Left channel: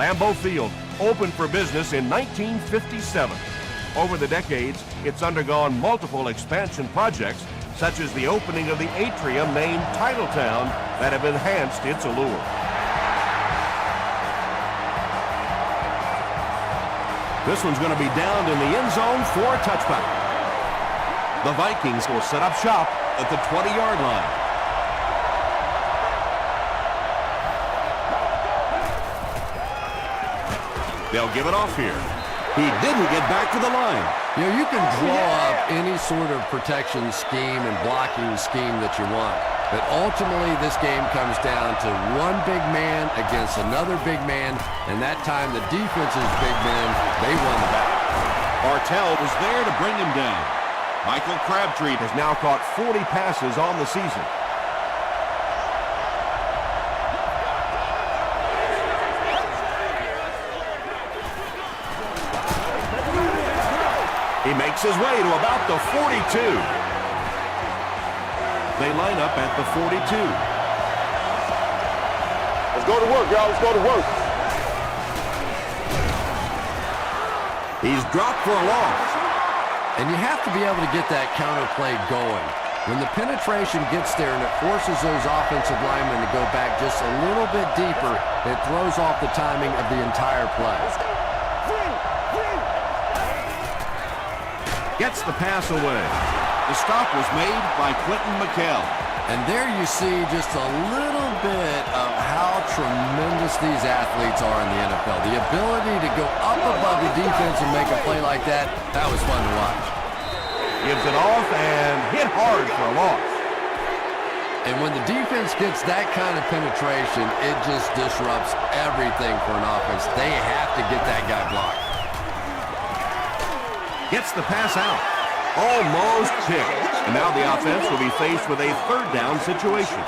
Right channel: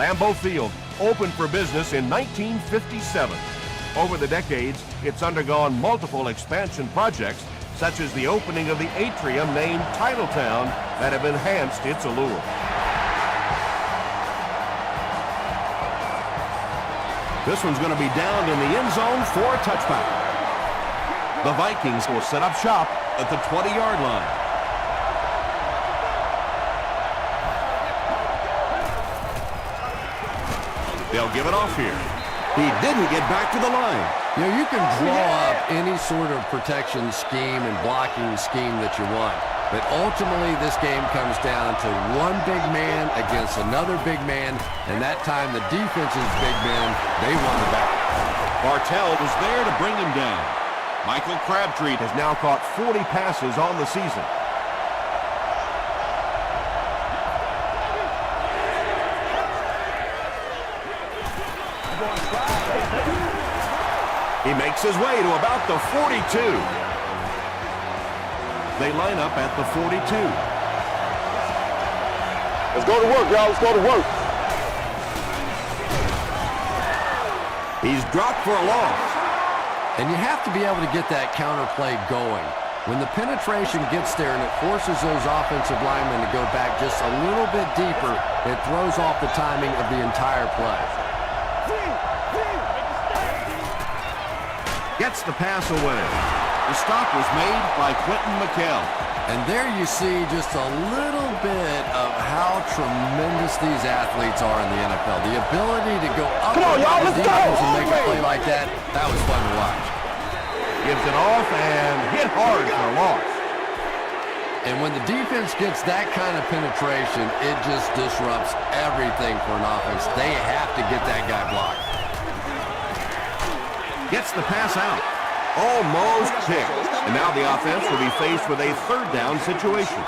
Lambeau Field opened for business in 1957. Over the decades, it's undergone multiple expansion projects, such as the opening of the atrium named Titletown, that have enhanced its allure. This one's going to be downed in the end zone for a touchback. The Vikings will set up shop at the 20-yard line. They'll give it off here. He didn't get back to the line. You know, you can draw up any sort of protection scheme and blocking scheme that you want. But ultimately, this game comes down to one big man against another big man. And that time, the defense's big men, they won the battle. Bartell was there to bring him down. Michael Crabtree has now caught 40 passes on the season. He makes his way to about the 42. They line up at the 42. Let's go to work, y'all. Let's go to work. He's dropped for a loss. And you have to be able to get that counter play going. When the penetration gets there and it forces those offensive linemen to go back just a little bit deeper, it throws off the timing of the entire play. Gets the pass away. The stop was made by Quentin McKell. And there you see just a little bit of how tremendous these athletes are in the NFL. The ability to go up above the defense and make a play like that, that was fun to watch. Gives it off and hit hard for a loss. And when the defense gets that kind of penetration, it just disrupts everything for an offense. They have to get that guy blocked. Gets the pass out. Almost picked. And now the offense will be faced with a third down situation.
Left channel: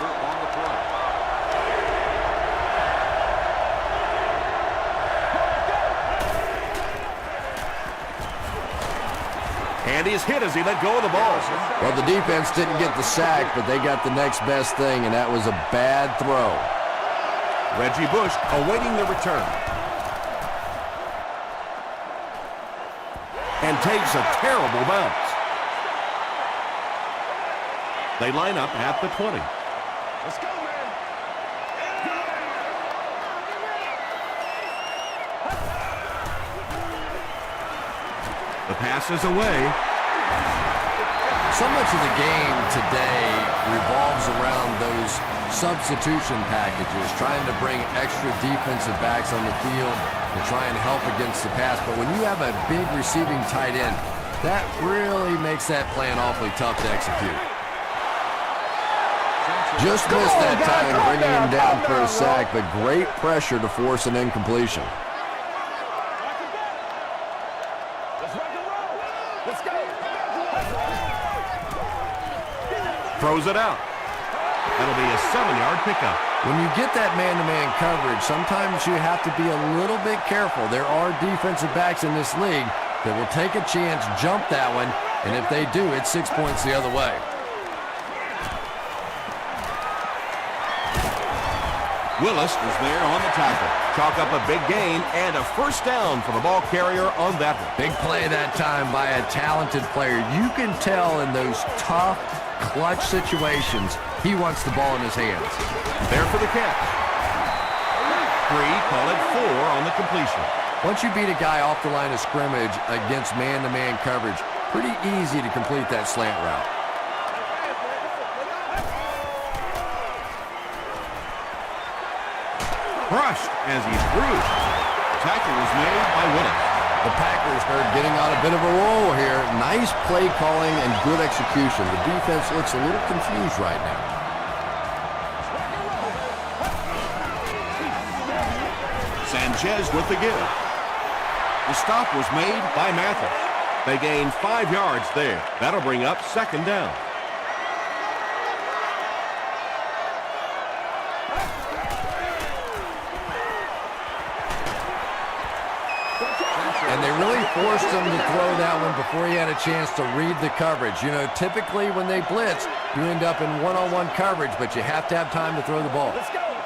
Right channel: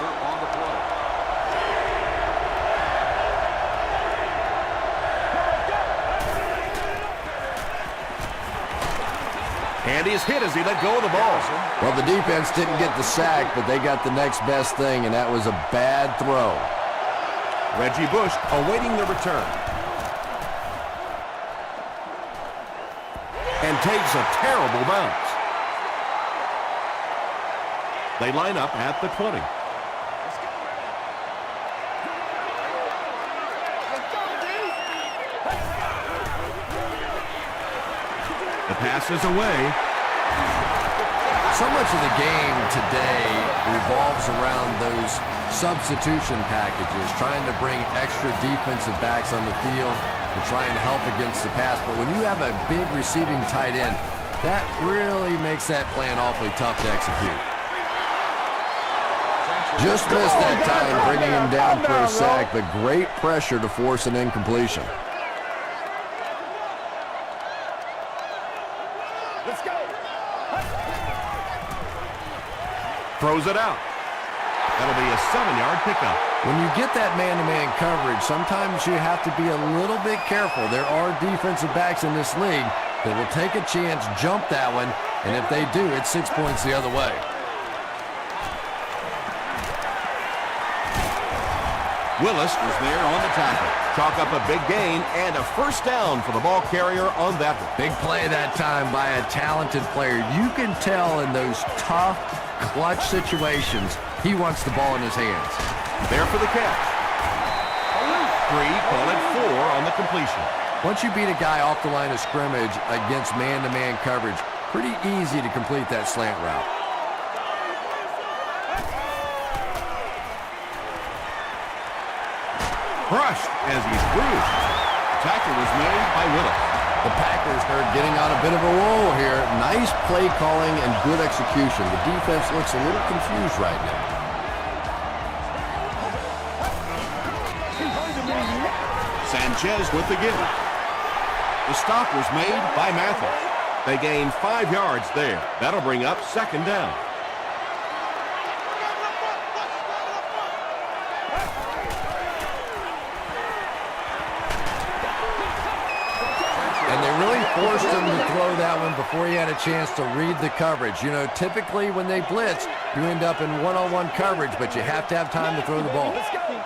And he's hit as he let go of the ball. Well, the defense didn't get the sack, but they got the next best thing, and that was a bad throw. Reggie Bush awaiting the return. And takes a terrible bounce. They line up at the 20. Let's go, man. The pass is away. So much of the game today revolves around those substitution packages, trying to bring extra defensive backs on the field to try and help against the pass. But when you have a big receiving tight end, that really makes that plan awfully tough to execute. Just missed that time, bringing him down for a sack, but great pressure to force an incompletion. Let's go. Throws it out. That'll be a 7-yard pickup. When you get that man-to-man coverage, sometimes you have to be a little bit careful. There are defensive backs in this league that will take a chance, jump that one, and if they do, it's 6 points the other way. Willis was there on the tackle. Chalk up a big gain and a first down for the ball carrier on that one. Big play that time by a talented player. You can tell in those tough, clutch situations, he wants the ball in his hands. There for the catch. 3, call it 4 on the completion. Once you beat a guy off the line of scrimmage against man-to-man coverage, pretty easy to complete that slant route. Crushed as he threw. Tackle was made by Willis. The Packers are getting on a bit of a roll here. Nice play calling and good execution. The defense looks a little confused right now. Sanchez with the give. The stop was made by Mathis. They gain 5 yards there. That'll bring up second down. And they really forced him to throw that one before he had a chance to read the coverage. You know, typically when they blitz, you end up in one-on-one coverage, but you have to have time to throw the ball. Let's go.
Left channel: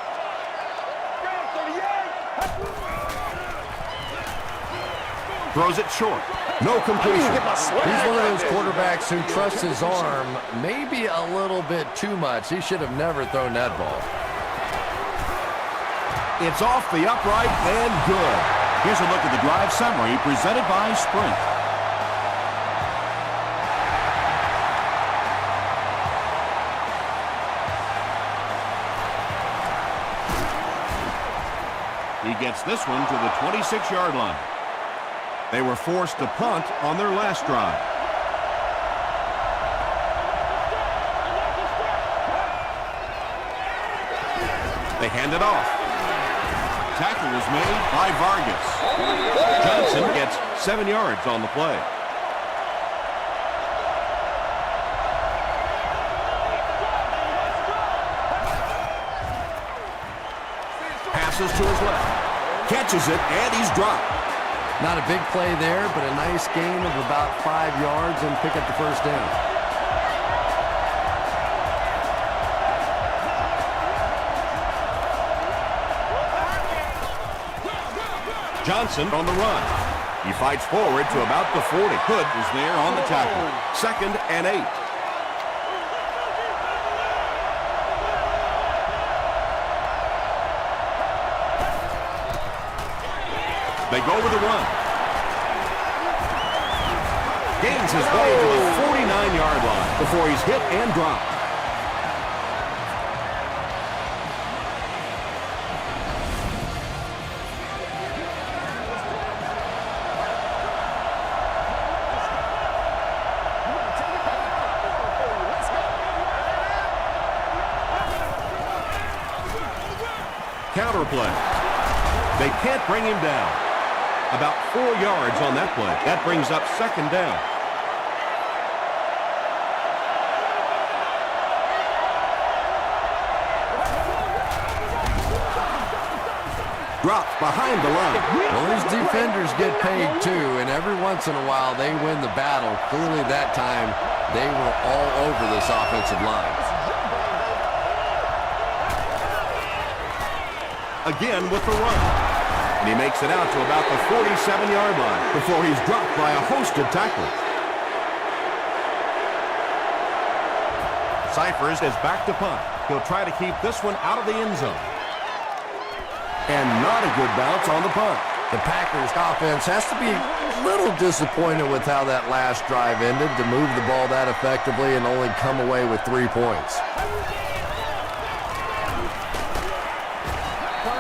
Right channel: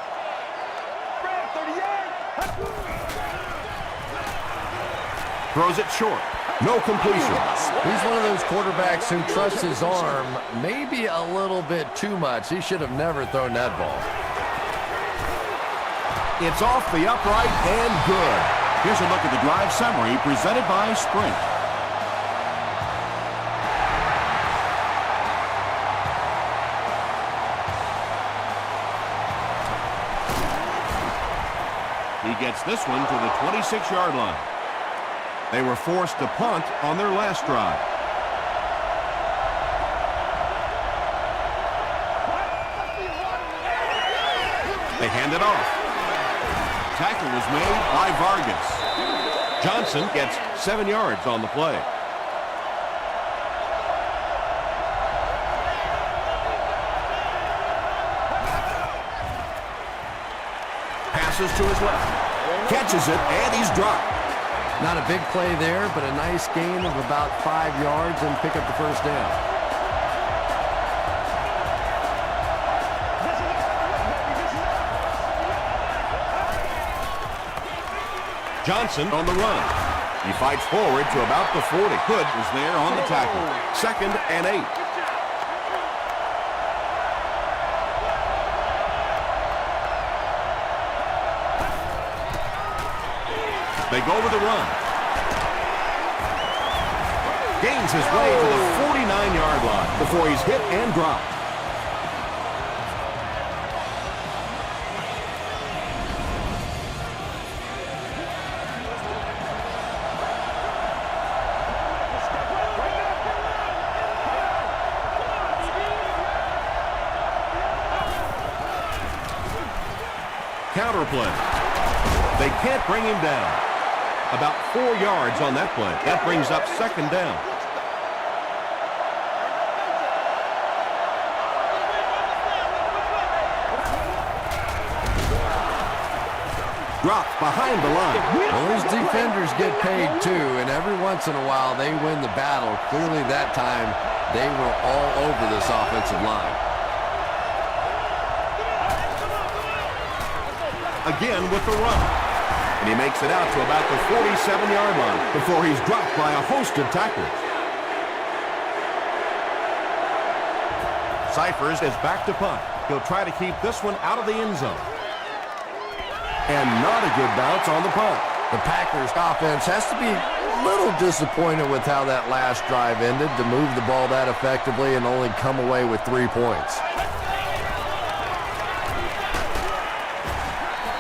Throws it short. No completion. He's one of those quarterbacks who trusts his arm maybe a little bit too much. He should have never thrown that ball. It's off the upright and good. Here's a look at the drive summary presented by Sprint. He gets this one to the 26-yard line. They were forced to punt on their last drive. They hand it off. Tackle was made by Vargas. Johnson gets 7 yards on the play. Passes to his left. Catches it, and he's dropped. Not a big play there, but a nice gain of about 5 yards and pick up the first down. Johnson on the run. He fights forward to about the 40. Hood is there on the tackle. 2nd and 8. They go with the run. Gains his way to the 49-yard line before he's hit and dropped. Counter play. They can't bring him down. About 4 yards on that play. That brings up 2nd down. Dropped behind the line. Well, these defenders get paid too, and every once in a while they win the battle. Clearly that time they were all over this offensive line. Again with the run. And he makes it out to about the 47-yard line before he's dropped by a host of tacklers. Cyphers is back to punt. He'll try to keep this one out of the end zone. And not a good bounce on the punt. The Packers offense has to be a little disappointed with how that last drive ended to move the ball that effectively and only come away with 3 points.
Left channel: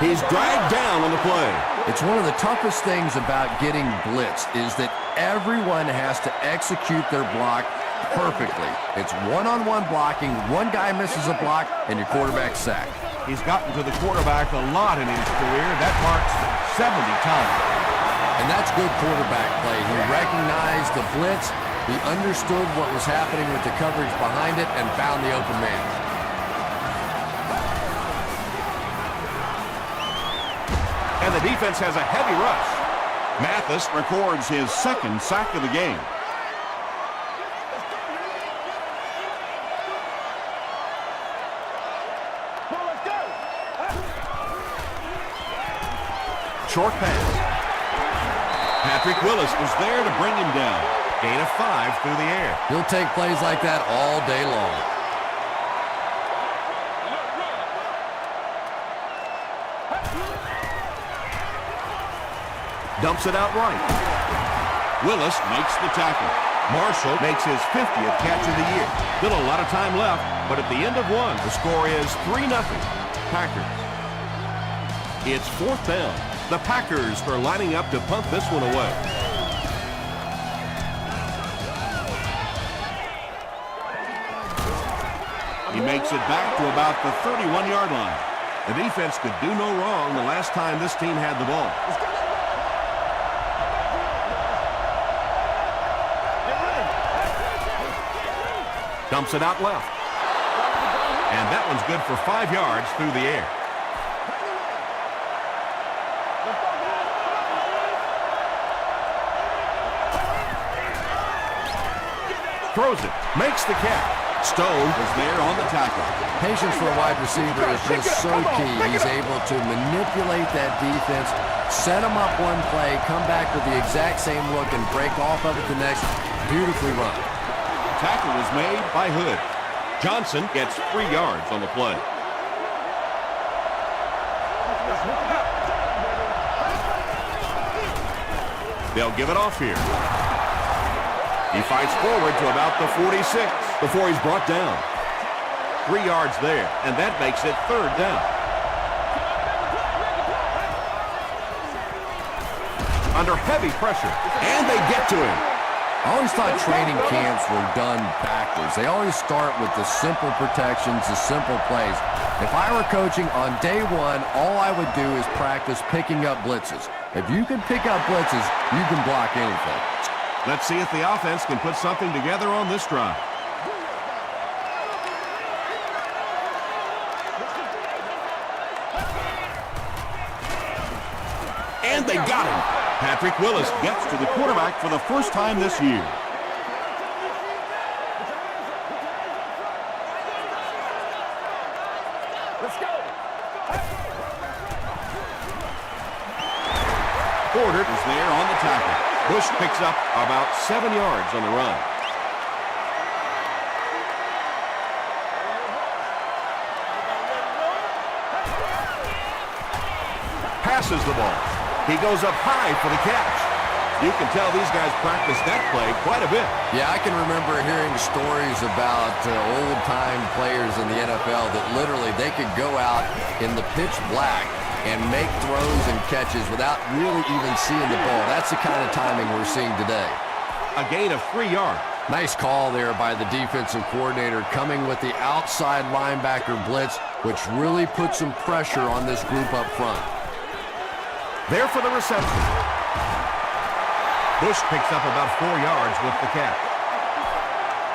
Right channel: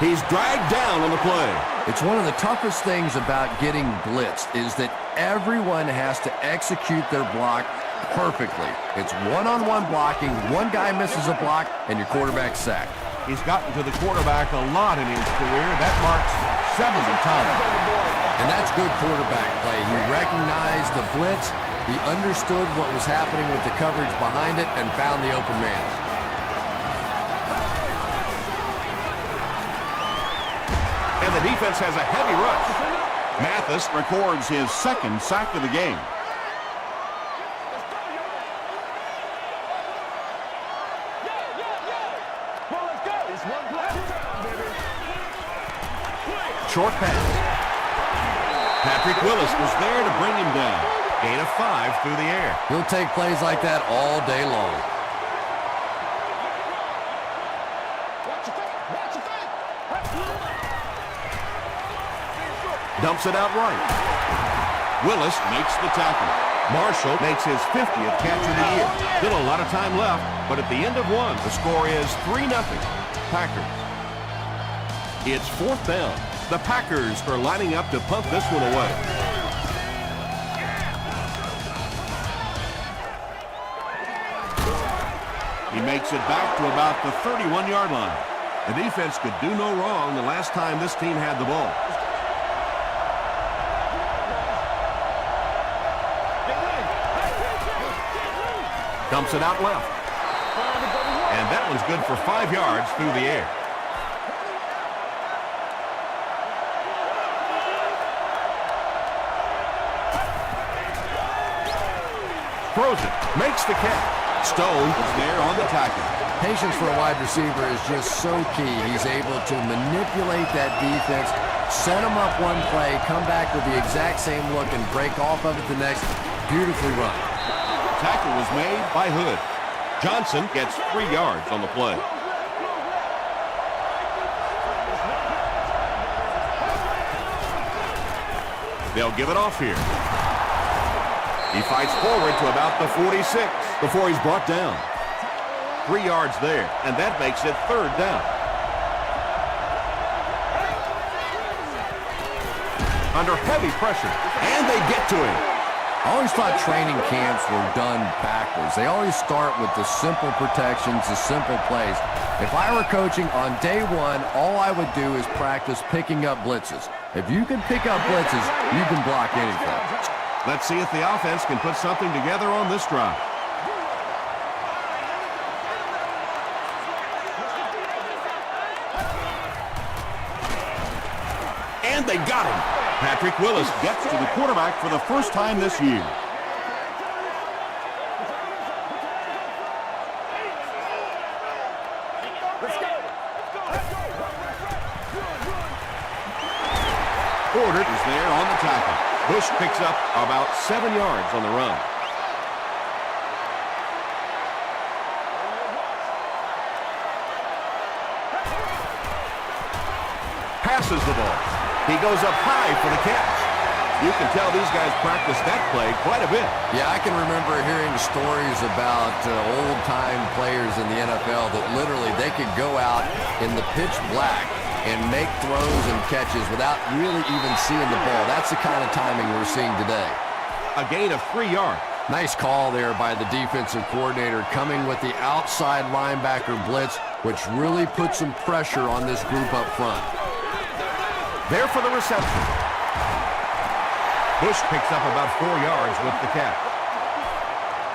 He's dragged down on the play. It's one of the toughest things about getting blitzed is that everyone has to execute their block perfectly. It's one-on-one blocking. One guy misses a block, and your quarterback's sacked. He's gotten to the quarterback a lot in his career. That marks 70 times. And that's good quarterback play. He recognized the blitz. He understood what was happening with the coverage behind it and found the open man. And the defense has a heavy rush. Mathis records his 2nd sack of the game. Short pass. Patrick Willis was there to bring him down. Gain of 5 through the air. He'll take plays like that all day long. Dumps it out right. Willis makes the tackle. Marshall makes his 50th catch of the year. Still a lot of time left, but at the end of one, the score is 3-0. Packers. It's 4th down. The Packers are lining up to punt this one away. He makes it back to about the 31-yard line. The defense could do no wrong the last time this team had the ball. Dumps it out left. And that one's good for 5 yards through the air. Throws it. Makes the catch. Stone was there on the tackle. Patience for a wide receiver is just so key. He's able to manipulate that defense, set them up one play, come back with the exact same look, and break off of it the next. Beautifully run. Tackle was made by Hood. Johnson gets 3 yards on the play. They'll give it off here. He fights forward to about the 46 before he's brought down. 3 yards there, and that makes it 3rd down. Under heavy pressure, and they get to him. I always thought training camps were done backwards. They always start with the simple protections, the simple plays. If I were coaching on day one, all I would do is practice picking up blitzes. If you can pick up blitzes, you can block anything. Let's see if the offense can put something together on this drive. And they got him. Patrick Willis Gets to the quarterback for the first time this year. Let's go. Porter Was there on the tackle. Bush picks up about 7 yards on the run. Passes the ball. He goes up high for the catch. You can tell these guys practice that play quite a bit. Yeah, I can remember hearing stories about old-time players in the NFL that literally they could go out in the pitch black and make throws and catches without really even seeing the ball. That's the kind of timing we're seeing today. A gain of 3 yards. Nice call there by the defensive coordinator, coming with the outside linebacker blitz, which really put some pressure on this group up front. There for the reception. Bush picks up about 4 yards with the catch.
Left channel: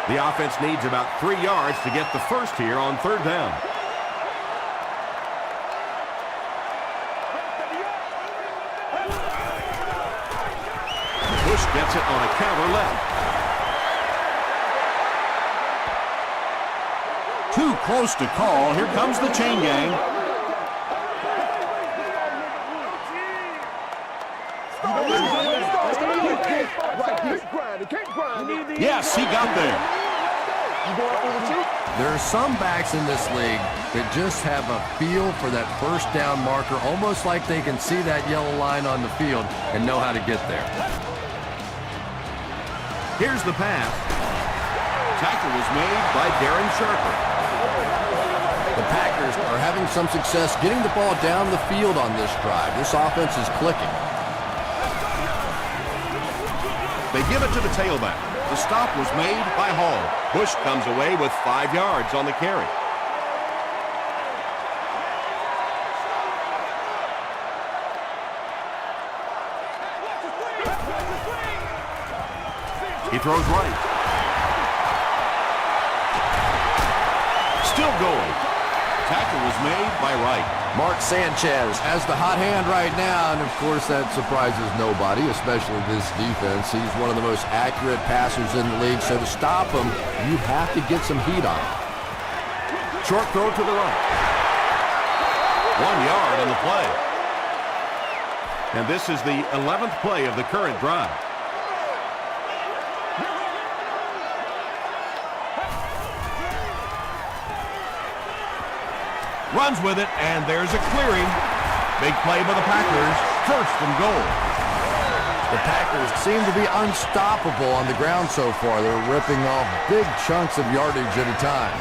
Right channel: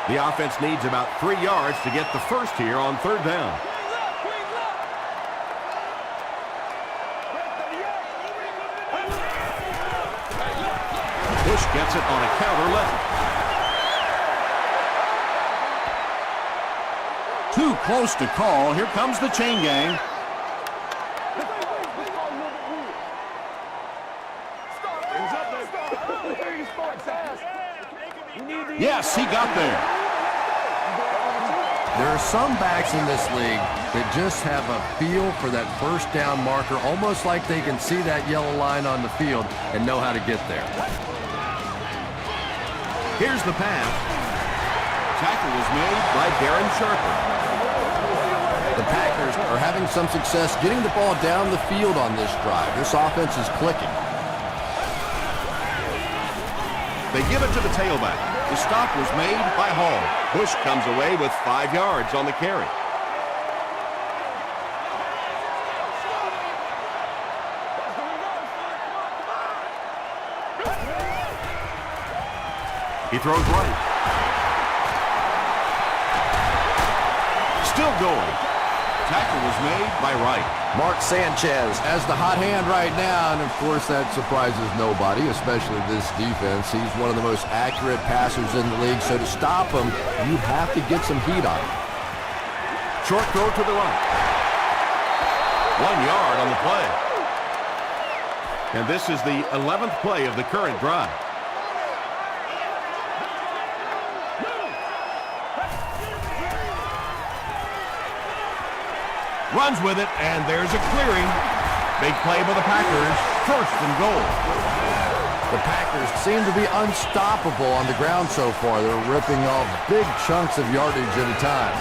The offense needs about 3 yards to get the first here on 3rd down. Bush gets it on a counter left. Too close to call. Here comes the chain gang. Yes, he got there. There are some backs in this league that just have a feel for that first down marker, almost like they can see that yellow line on the field and know how to get there. Here's the pass. Tackle was made by Darren Sharper. The Packers are having some success getting the ball down the field on this drive. This offense is clicking. They give it to the tailback. The stop was made by Hall. Bush comes away with 5 yards on the carry. He throws right. Still going. Tackle was made by Wright. Mark Sanchez has the hot hand right now, and of course that surprises nobody, especially this defense. He's one of the most accurate passers in the league, so to stop him, you have to get some heat on him. Short throw to the right. 1 yard on the play. And this is the 11th play of the current drive. Runs with it, and there's a clearing. Big play by the Packers. 1st and goal. The Packers seem to be unstoppable on the ground so far. They're ripping off big chunks of yardage at a time.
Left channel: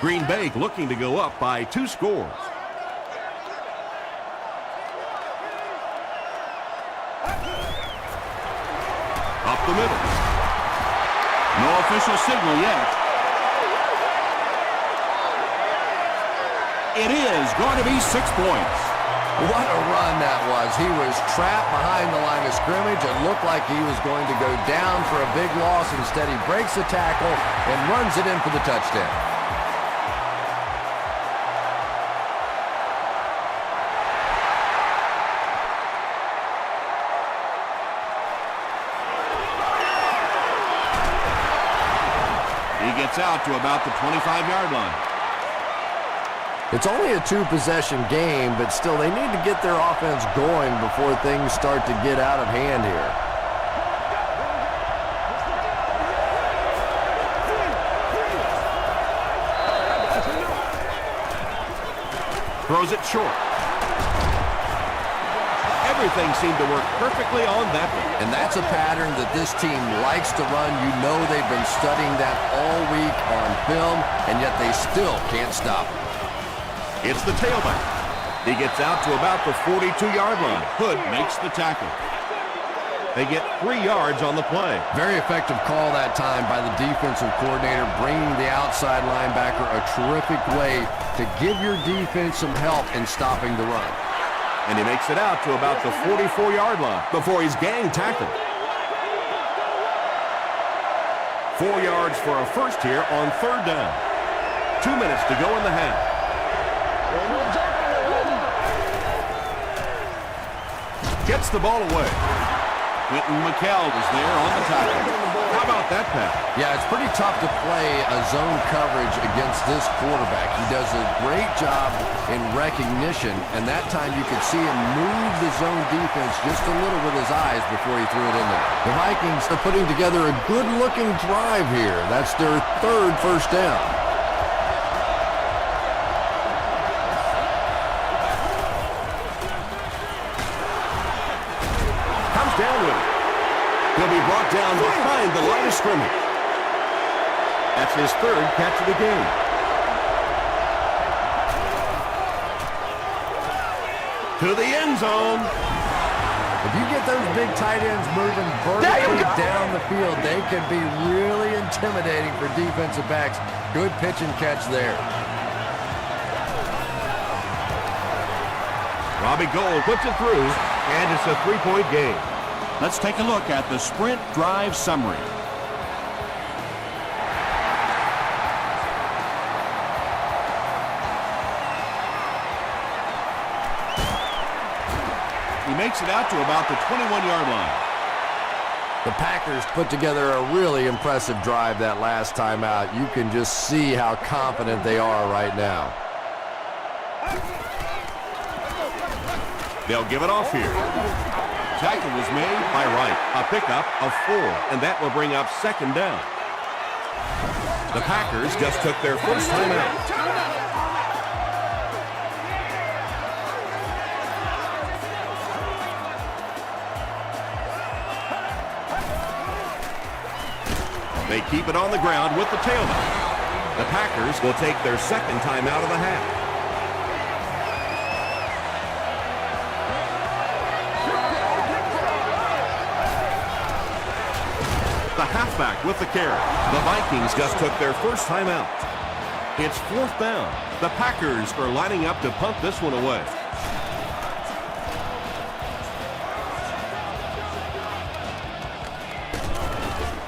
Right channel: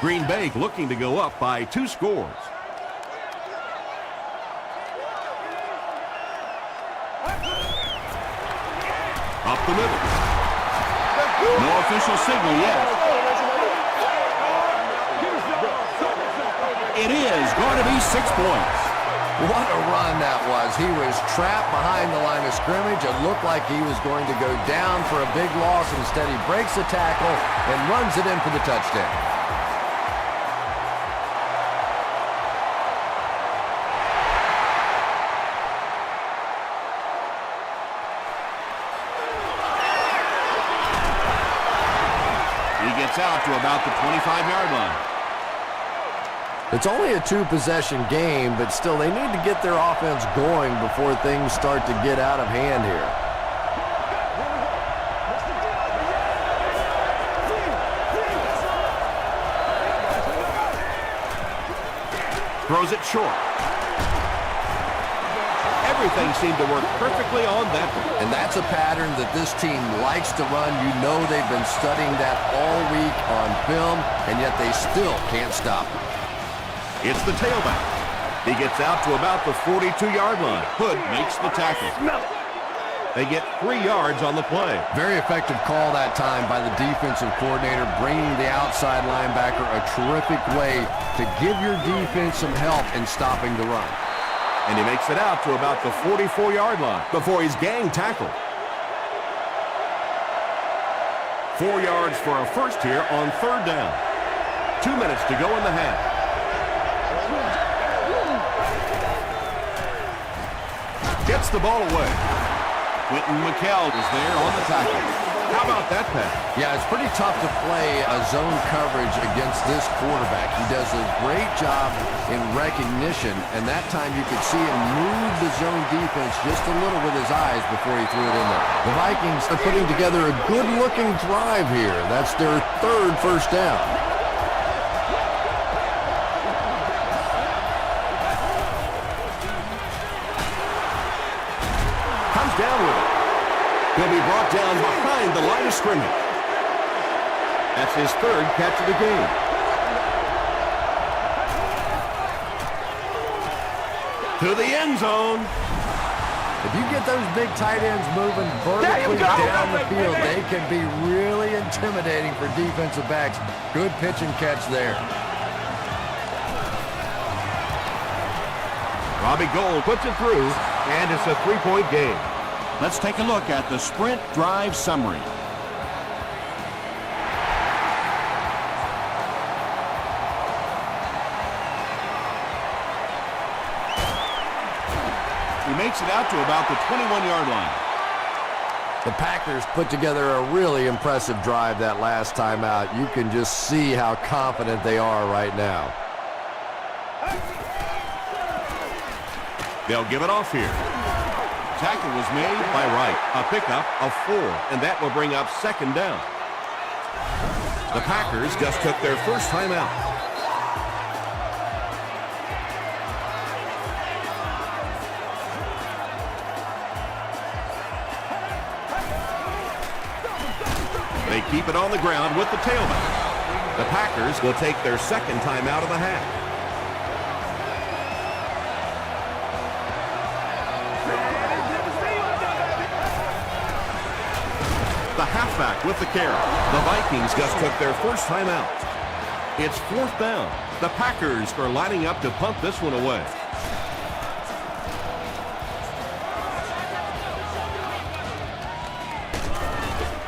Green Bay looking to go up by 2 scores. Up the middle. No official signal yet. It is going to be 6 points. What a run that was. He was trapped behind the line of scrimmage. It looked like he was going to go down for a big loss. Instead, he breaks the tackle and runs it in for the touchdown. gets out to about the 25-yard line. It's only a two-possession game, but still they need to get their offense going before things start to get out of hand here. Throws it short. Everything seemed to work perfectly on that one. And that's a pattern that this team likes to run. You know they've been studying that all week on film, and yet they still can't stop it. It's the tailback. He gets out to about the 42-yard line. Hood makes the tackle. They get 3 yards on the play. Very effective call that time by the defensive coordinator, bringing the outside linebacker a terrific way to give your defense some help in stopping the run. And he makes it out to about the 44-yard line before he's gang tackled. 4 yards for a first here on 3rd down. 2 minutes to go in the half. Gets the ball away. Quentin McKell is there on the tackle. How about that pass? Yeah, it's pretty tough to play a zone coverage against this quarterback. He does a great job in recognition, and that time you could see him move the zone defense just a little with his eyes before he threw it in there. The Vikings are putting together a good-looking drive here. That's their 3rd first down. Comes down with it. He'll be brought down behind the line of scrimmage. That's his 3rd catch of the game. To the end zone. If you get those big tight ends moving vertically down the field, they can be really intimidating for defensive backs. Good pitch and catch there. Robbie Gould puts it through, and it's a 3-point game. Let's take a look at the sprint drive summary. He makes it out to about the 21-yard line. The Packers put together a really impressive drive that last time out. You can just see how confident they are right now. They'll give it off here. Tackle was made by Wright. A pickup of 4, and that will bring up 2nd down. The Packers just took their first time out. They keep it on the ground with the tailback. The Packers will take their 2nd time out of the half. The halfback with the carry. The Vikings just took their first time out. It's 4th down. The Packers are lining up to punt this one away.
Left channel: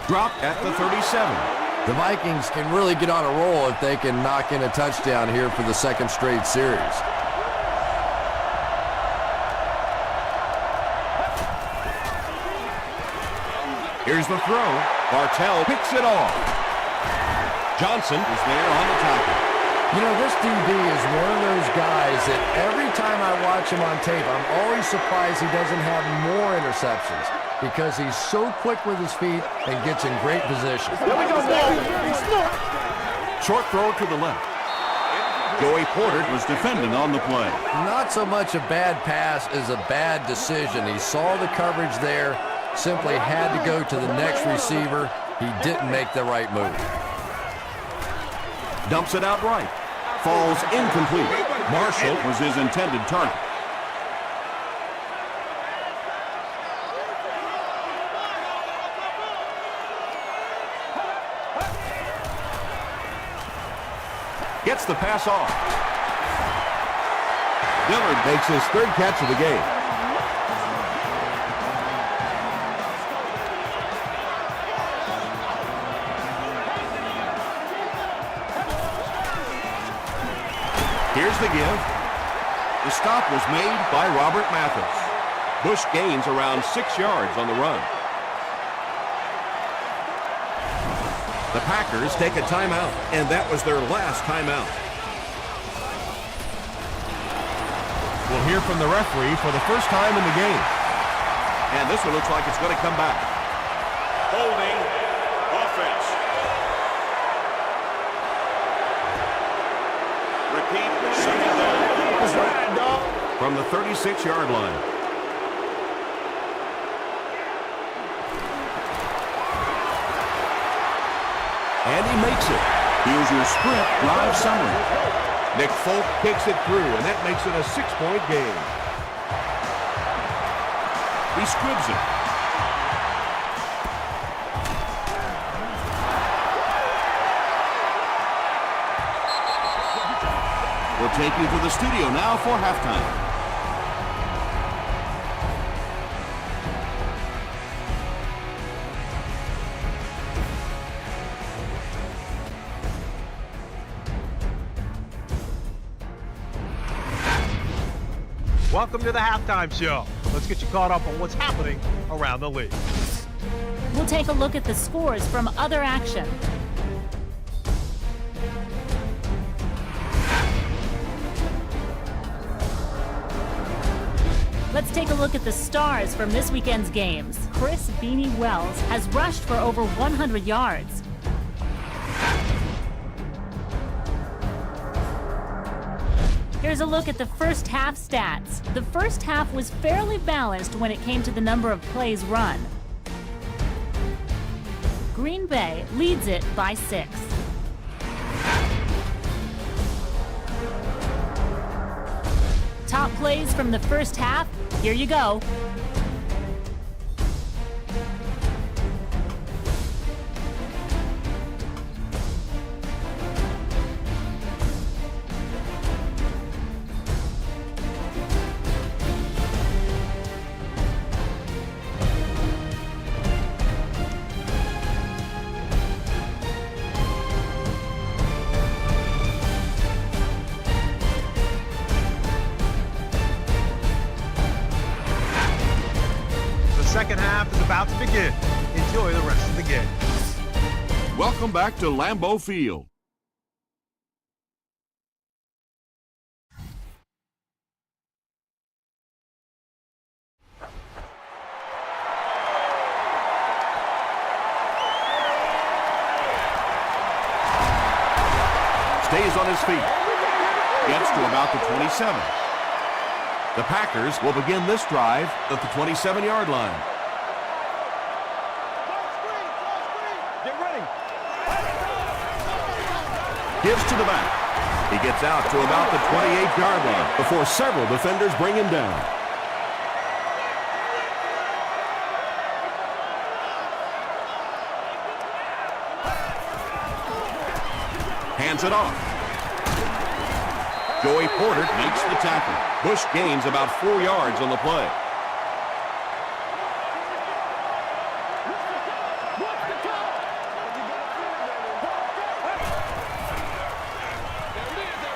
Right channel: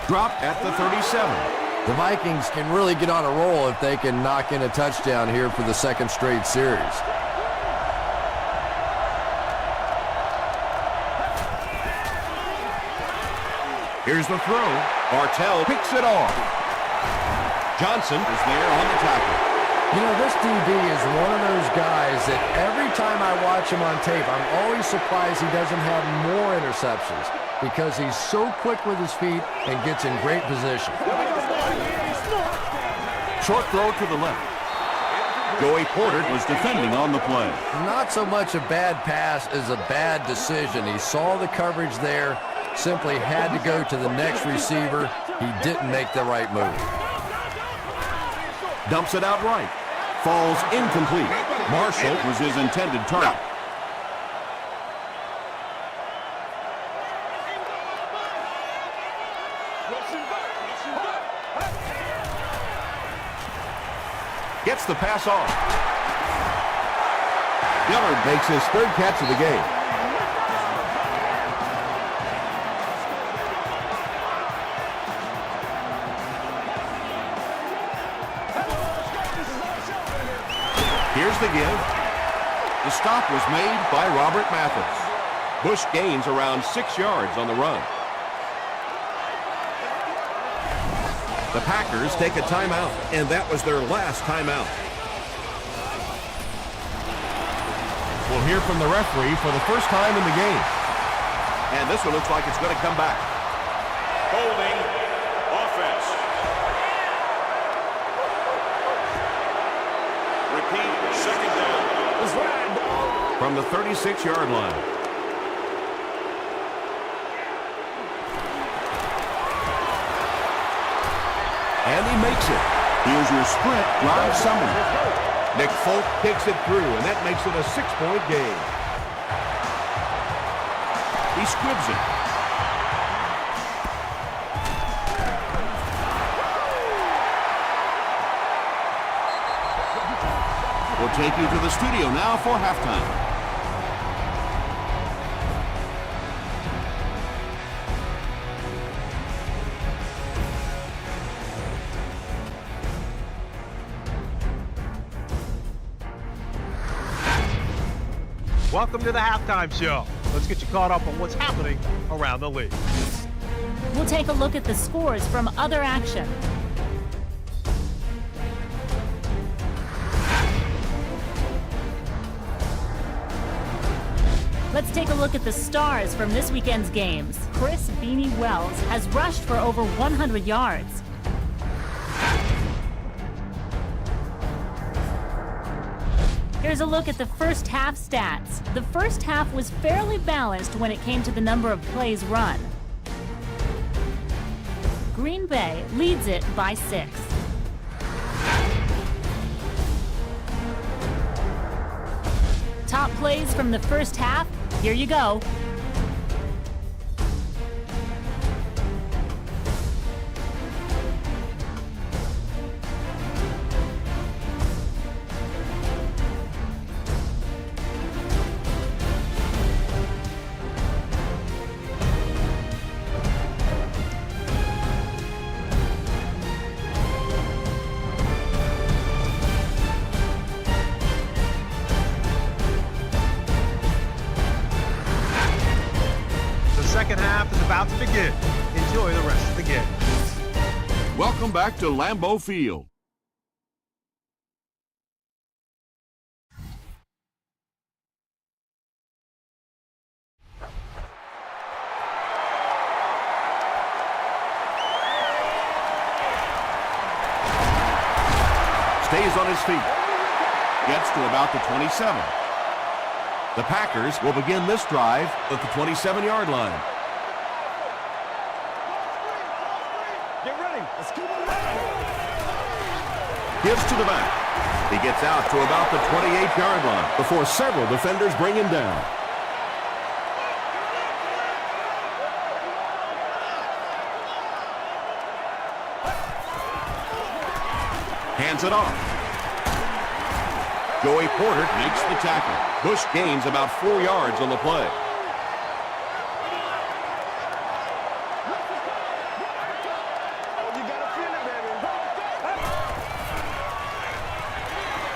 Dropped at the 37. The Vikings can really get on a roll if they can knock in a touchdown here for the 2nd straight series. Here's the throw. Bartell picks it off. Johnson is there on the tackle. You know, this DB is one of those guys that every time I watch him on tape, I'm always surprised he doesn't have more interceptions because he's so quick with his feet and gets in great position. Short throw to the left. Joey Porter was defending on the play. Not so much a bad pass as a bad decision. He saw the coverage there, simply had to go to the next receiver. He didn't make the right move. Dumps it out right. Falls incomplete. Marshall was his intended target. Gets the pass off. Dillard makes his 3rd catch of the game. Here's the give. The stop was made by Robert Mathis. Bush gains around 6 yards on the run. The Packers take a timeout, and that was their last timeout. We'll hear from the referee for the first time in the game. And this one looks like it's going to come back. That's right, dog. From the 36-yard line. And he makes it. Here's your sprint live summary. Nick Folk kicks it through, and that makes it a 6-point game. He squibs it. We'll take you to the studio now for halftime. Welcome to the halftime show. Let's get you caught up on what's happening around the league. We'll take a look at the scores from other action. Let's take a look at the stars from this weekend's games. Chris Beanie Wells has rushed for over 100 yards. Here's a look at the first half stats. The first half was fairly balanced when it came to the number of plays run. Green Bay leads it by 6. Top plays from the first half, here you go. The second half is about to begin. Enjoy the rest of the game. Welcome back to Lambeau Field. Stays on his feet. Gets to about the 27. The Packers will begin this drive at the 27-yard line. Get ready. Gives to the back. He gets out to about the 28-yard line before several defenders bring him down. Hands it off. Joey Porter Makes the tackle. Bush gains about 4 yards on the play.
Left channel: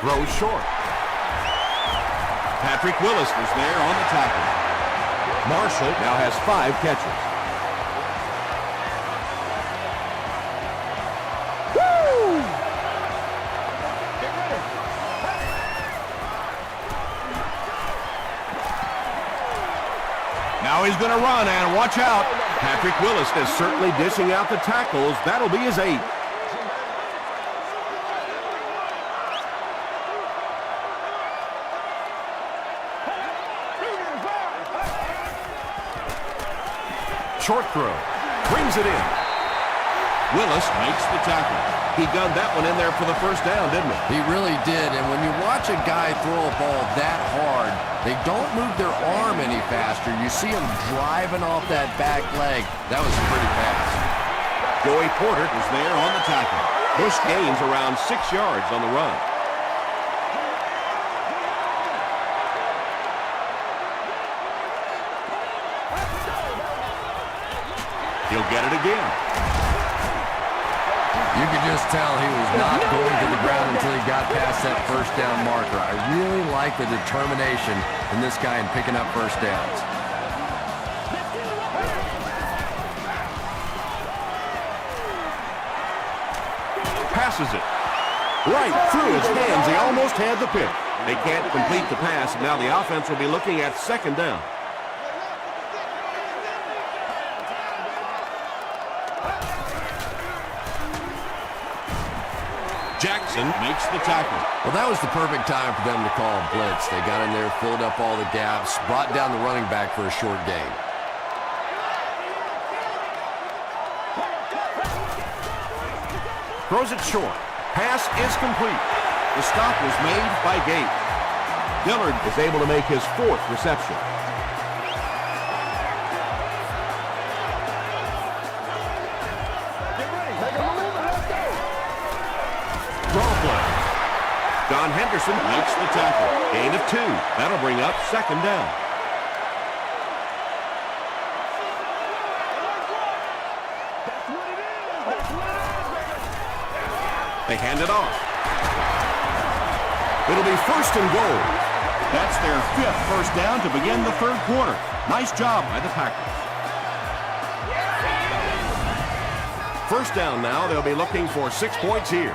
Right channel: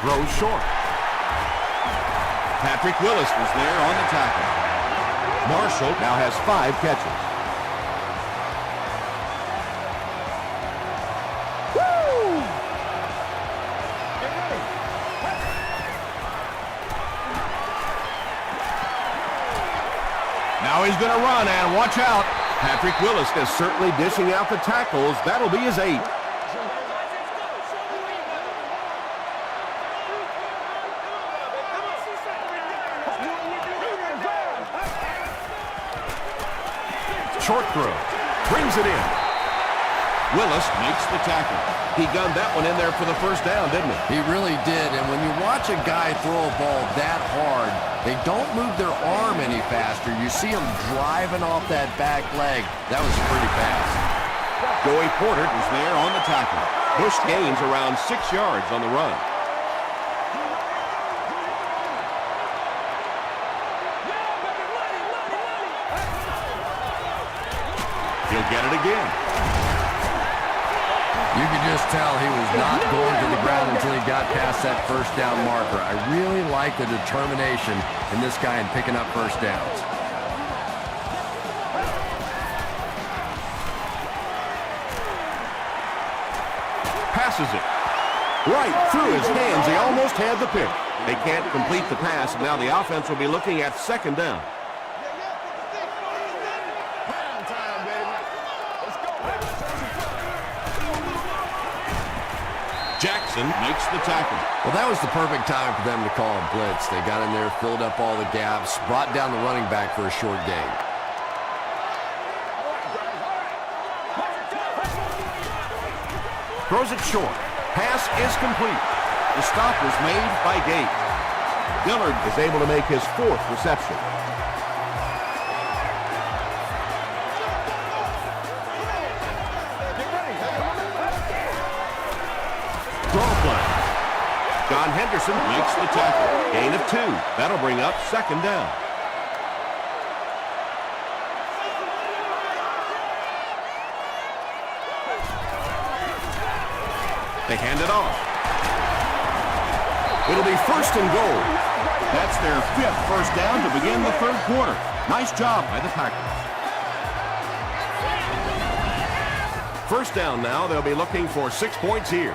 Throws short. Patrick Willis Was there on the tackle. Marshall now has 5 catches. Now he's going to run, and watch out. Patrick Willis is certainly dishing out the tackles. That'll be his 8th. Short throw. Brings it in. Willis Makes the tackle. He gunned that one in there for the first down, didn't he? He really did, and when you watch a guy throw a ball that hard, they don't move their arm any faster. You see him driving off that back leg. That was a pretty pass. Joey Porter Was there on the tackle. Bush gains around 6 yards on the run. He'll get it again. You could just tell he was not going to the ground until he got past that first down marker. I really like the determination in this guy in picking up first downs. passes it. Right through his hands. He almost had the pick. They can't complete the pass, and now the offense will be looking at second down. Jackson makes the tackle. Well, that was the perfect time for them to call a blitz. They got in there, filled up all the gaps, brought down the running back for a short gain. Throws it short. Pass is complete. The stop was made by Gate. Dillard is able to make his fourth reception. Draw play. John Henderson makes the tackle. Gain of 2. That'll bring up second down. They hand it off. It'll be first and goal. That's their 5th first down to begin the 3rd quarter. Nice job by the Packers. First down now. They'll be looking for 6 points here.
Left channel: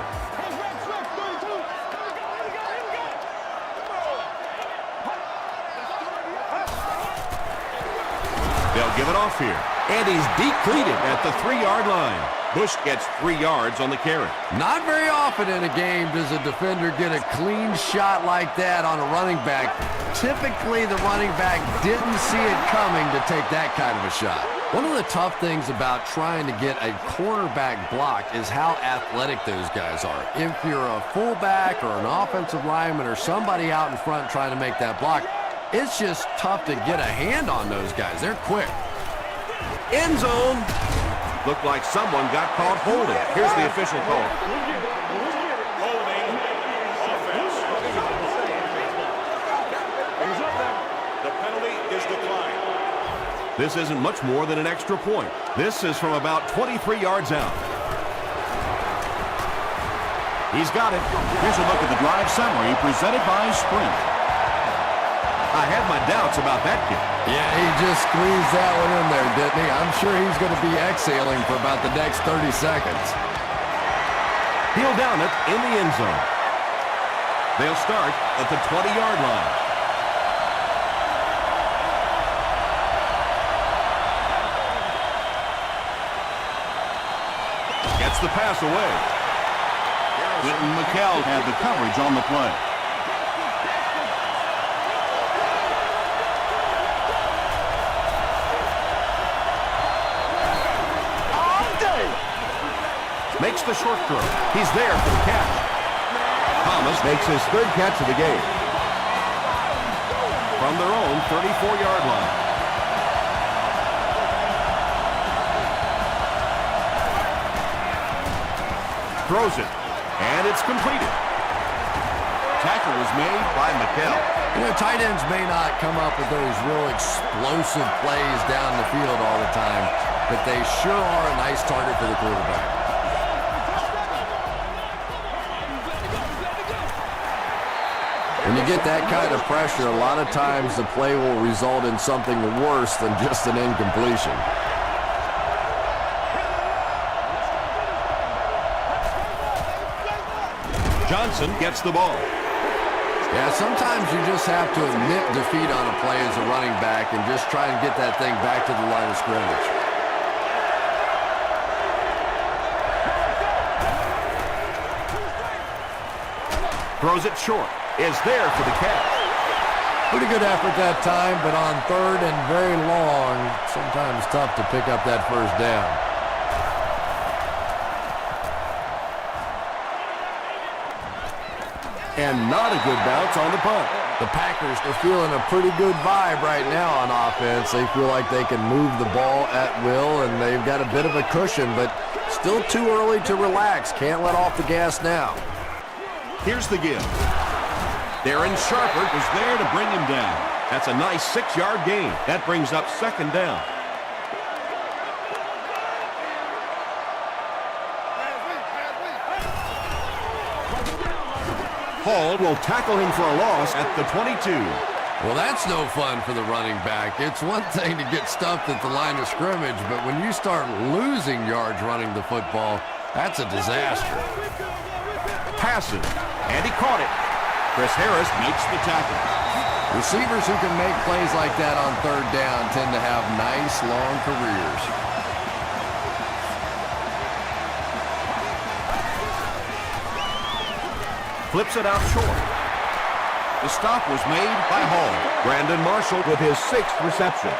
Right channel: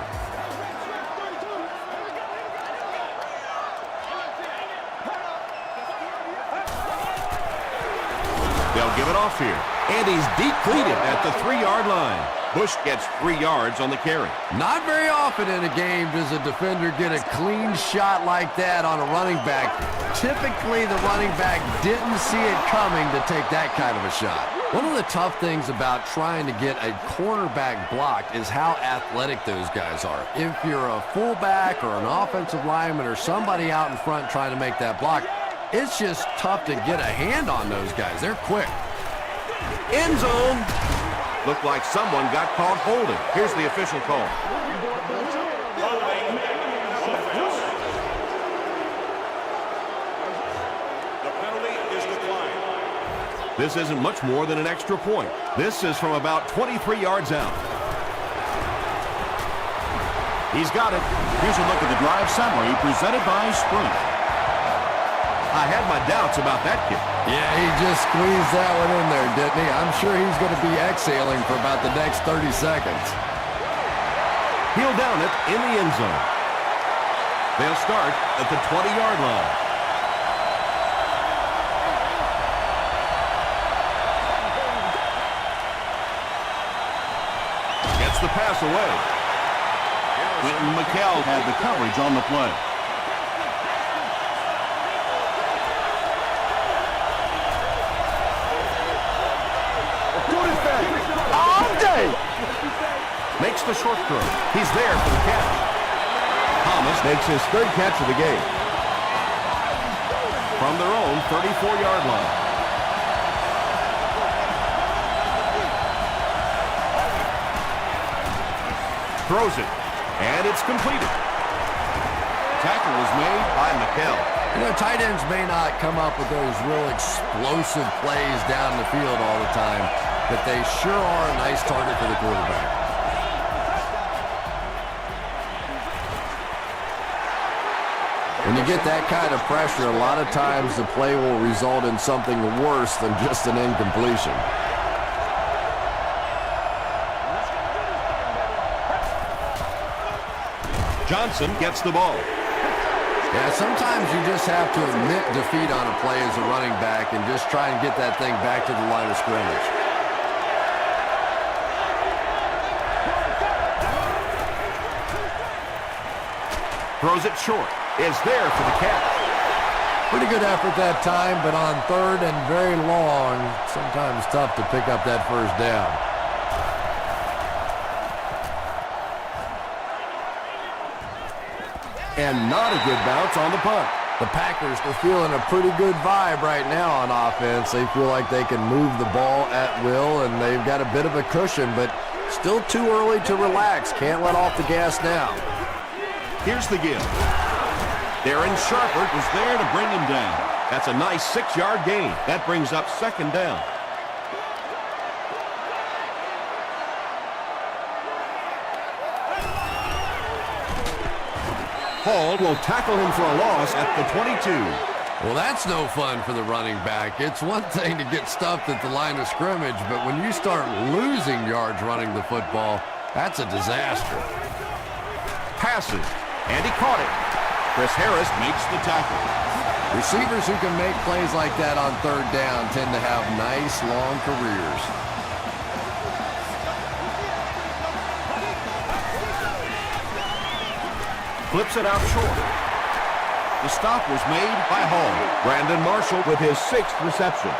They'll give it off here. And he's depleted at the 3-yard line. Bush gets 3 yards on the carry. Not very often in a game does a defender get a clean shot like that on a running back. Typically, the running back didn't see it coming to take that kind of a shot. One of the tough things about trying to get a cornerback blocked is how athletic those guys are. If you're a fullback or an offensive lineman or somebody out in front trying to make that block, it's just tough to get a hand on those guys. They're quick. End zone. Looked like someone got caught holding. Here's the official call. Holding offense. The penalty is declined. This isn't much more than an extra point. This is from about 23 yards out. He's got it. Here's a look at the drive summary presented by Sprint. I had my doubts about that kid. Yeah, he just squeezed that one in there, didn't he? I'm sure he's going to be exhaling for about the next 30 seconds. He'll down it in the end zone. They'll start at the 20-yard line. Gets the pass away. Quentin McKell had the coverage on the play. Makes the short throw. He's there for the catch. Thomas makes his 3rd catch of the game. From their own 34-yard line. Throws it, and it's completed. Tackle was made by McKell. You know, tight ends may not come up with those real explosive plays down the field all the time, but they sure are a nice target for the quarterback. When you get that kind of pressure, a lot of times the play will result in something worse than just an incompletion. Johnson gets the ball. Yeah, sometimes you just have to admit defeat on a play as a running back and just try and get that thing back to the line of scrimmage. Throws it short. Is there for the catch. Pretty good effort that time, but on 3rd and very long, sometimes tough to pick up that first down. And not a good bounce on the punt. The Packers are feeling a pretty good vibe right now on offense. They feel like they can move the ball at will, and they've got a bit of a cushion, but still too early to relax. Can't let off the gas now. Here's the give. Darren Sharper was there to bring him down. That's a nice 6-yard gain. That brings up second down. Hall will tackle him for a loss at the 22. Well, that's no fun for the running back. It's one thing to get stuffed at the line of scrimmage, but when you start losing yards running the football, that's a disaster. passes, and he caught it. Chris Harris makes the tackle. Receivers who can make plays like that on third down tend to have nice, long careers. Flips it out short. The stop was made by Hall. Brandon Marshall with his 6th reception.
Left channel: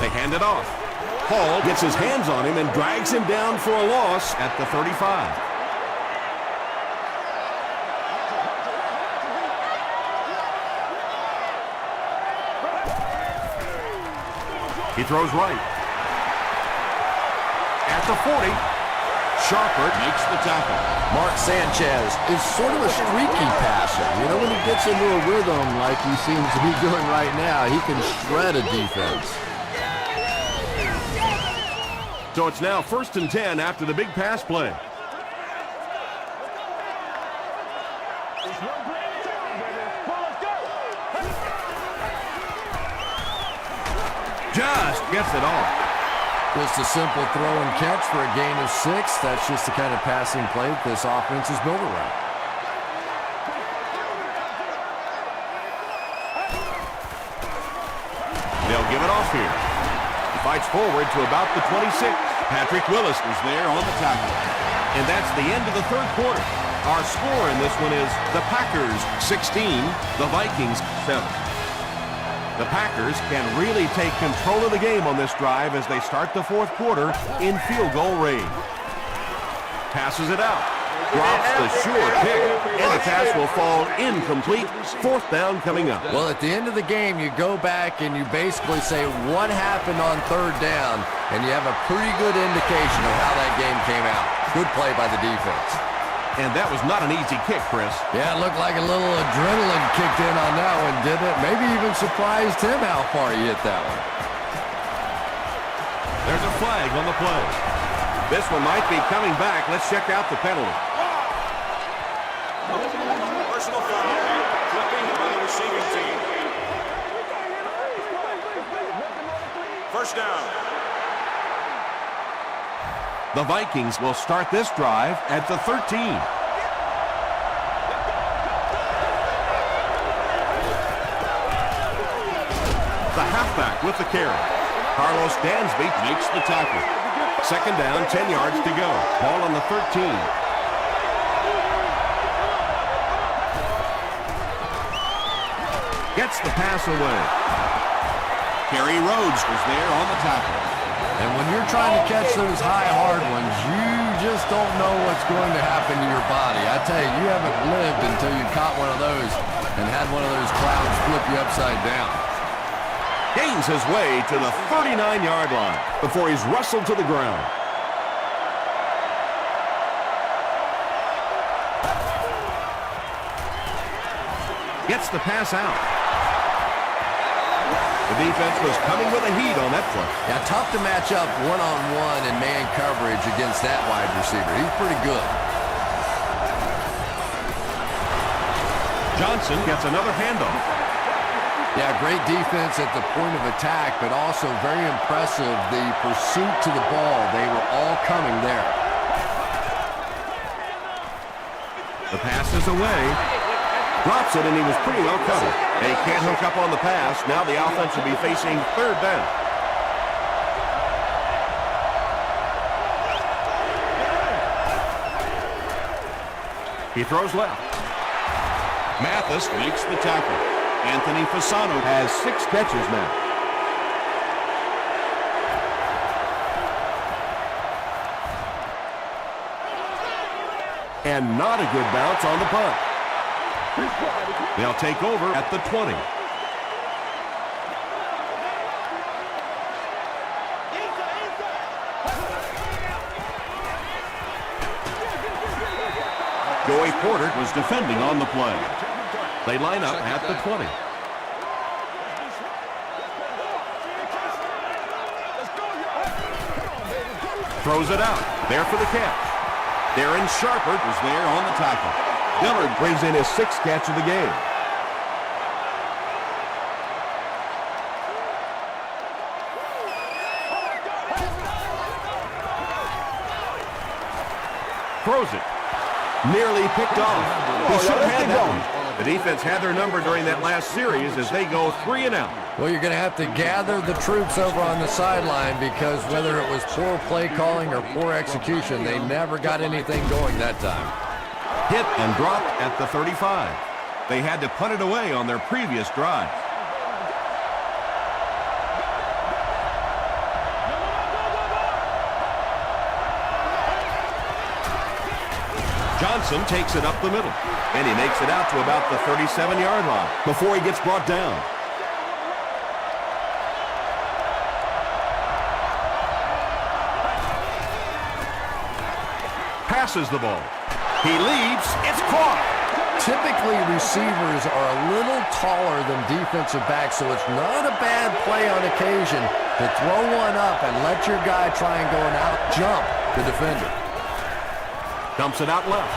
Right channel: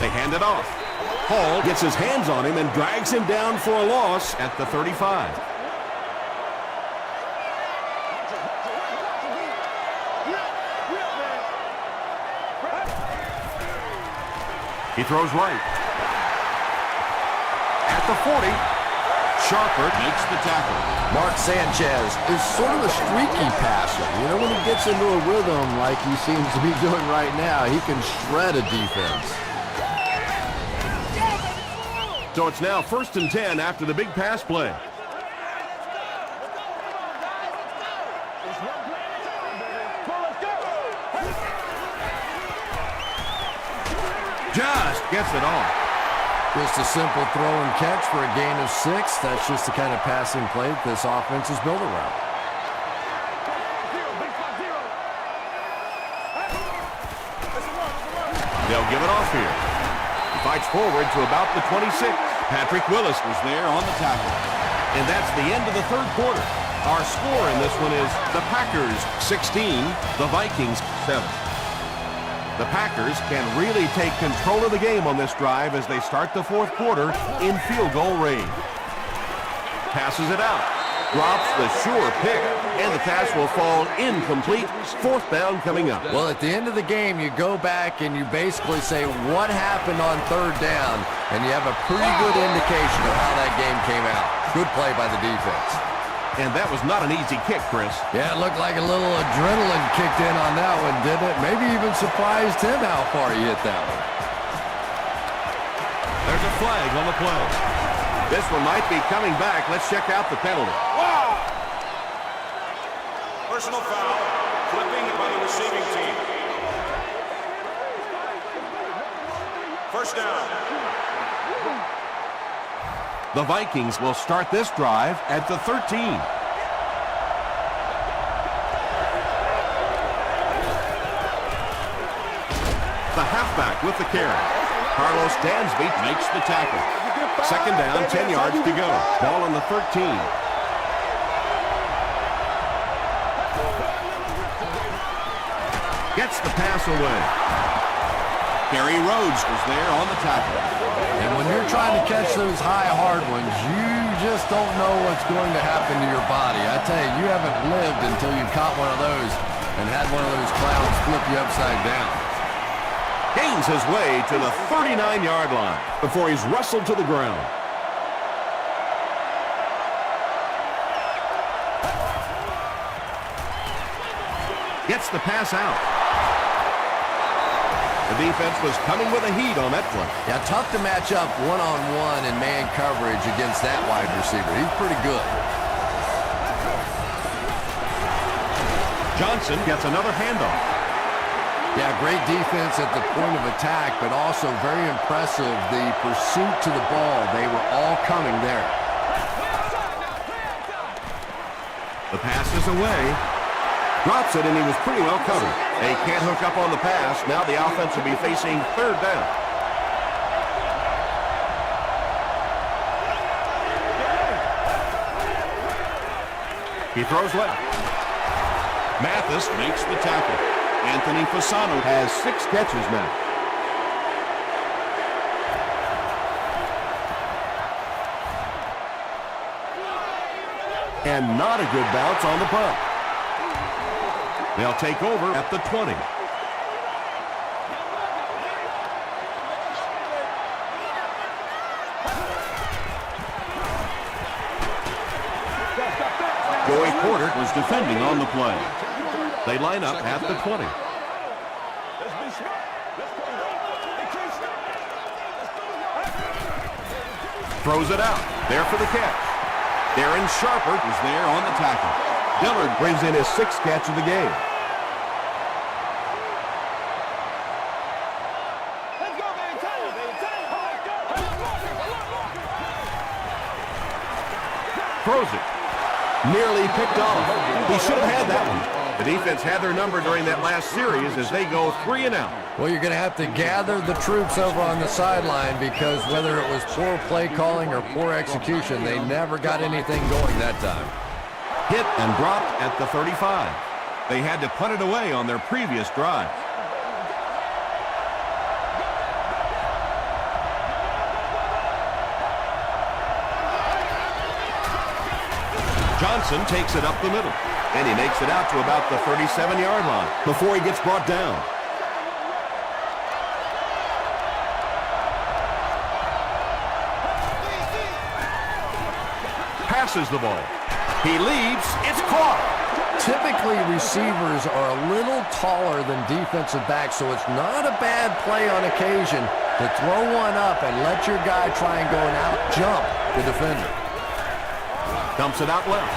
They hand it off. Hall gets his hands on him and drags him down for a loss at the 35. He throws right. At the 40, Sharper makes the tackle. Mark Sanchez is sort of a streaky passer. You know, when he gets into a rhythm like he seems to be doing right now, he can shred a defense. So it's now 1st and 10 after the big pass play. It's one play at a time, baby. Come on, let's go. Just gets it off. Just a simple throw and catch for a gain of 6. That's just the kind of passing play that this offense is built around. They'll give it off here. He fights forward to about the 26. Patrick Willis was there on the tackle. And that's the end of the 3rd quarter. Our score in this one is the Packers 16, the Vikings 7. The Packers can really take control of the game on this drive as they start the 4th quarter in field goal range. Passes it out. Drops the sure pick, and the pass will fall incomplete. 4th down coming up. Well, at the end of the game, you go back and you basically say what happened on 3rd down, and you have a pretty good indication of how that game came out. Good play by the defense. And that was not an easy kick, Chris. Yeah, it looked like a little adrenaline kicked in on that one, didn't it? Maybe even surprised him how far he hit that one. There's a flag on the play. This one might be coming back. Let's check out the penalty. Wow! Personal foul, flipping by the receiving team. The Vikings will start this drive at the 13. The halfback with the carry. Carlos Dansby makes the tackle. 2nd down, 10 yards to go. Ball on the 13. Gets the pass away. Kerry Rhodes was there on the tackle. And when you're trying to catch those high, hard ones, you just don't know what's going to happen to your body. I tell you, you haven't lived until you caught one of those and had one of those clouds flip you upside down. Gains his way to the 39-yard line before he's wrestled to the ground. Gets the pass out. The defense was coming with a heat on that play. Yeah, tough to match up one-on-one in man coverage against that wide receiver. He's pretty good. Johnson gets another handoff. Yeah, great defense at the point of attack, but also very impressive the pursuit to the ball. They were all coming there. The pass is away. Drops it, and he was pretty well covered. And he can't hook up on the pass. Now the offense will be facing 3rd down. He throws left. Mathis makes the tackle. Anthony Fasano has 6 catches now. And not a good bounce on the punt. They'll take over at the 20. Joey Porter was defending on the play. They line up at the 20. Let's be smart. Let's play ball. They can't stop it. Let's go, y'all. Come on, baby. Throws it out. There for the catch. Darren Sharper was there on the tackle. Dillard brings in his 6th catch of the game. Throws it. Nearly picked off. He should have had that one. The defense had their number during that last series as they go 3 and out. Well, you're going to have to gather the troops over on the sideline because whether it was poor play calling or poor execution, they never got anything going that time. Hit and dropped at the 35. They had to punt it away on their previous drive. Johnson takes it up the middle, and he makes it out to about the 37-yard line before he gets brought down. Passes the ball. He leaps. It's caught. Typically, receivers are a little taller than defensive backs, so it's not a bad play on occasion to throw one up and let your guy try and go and out-jump the defender. Dumps it out left.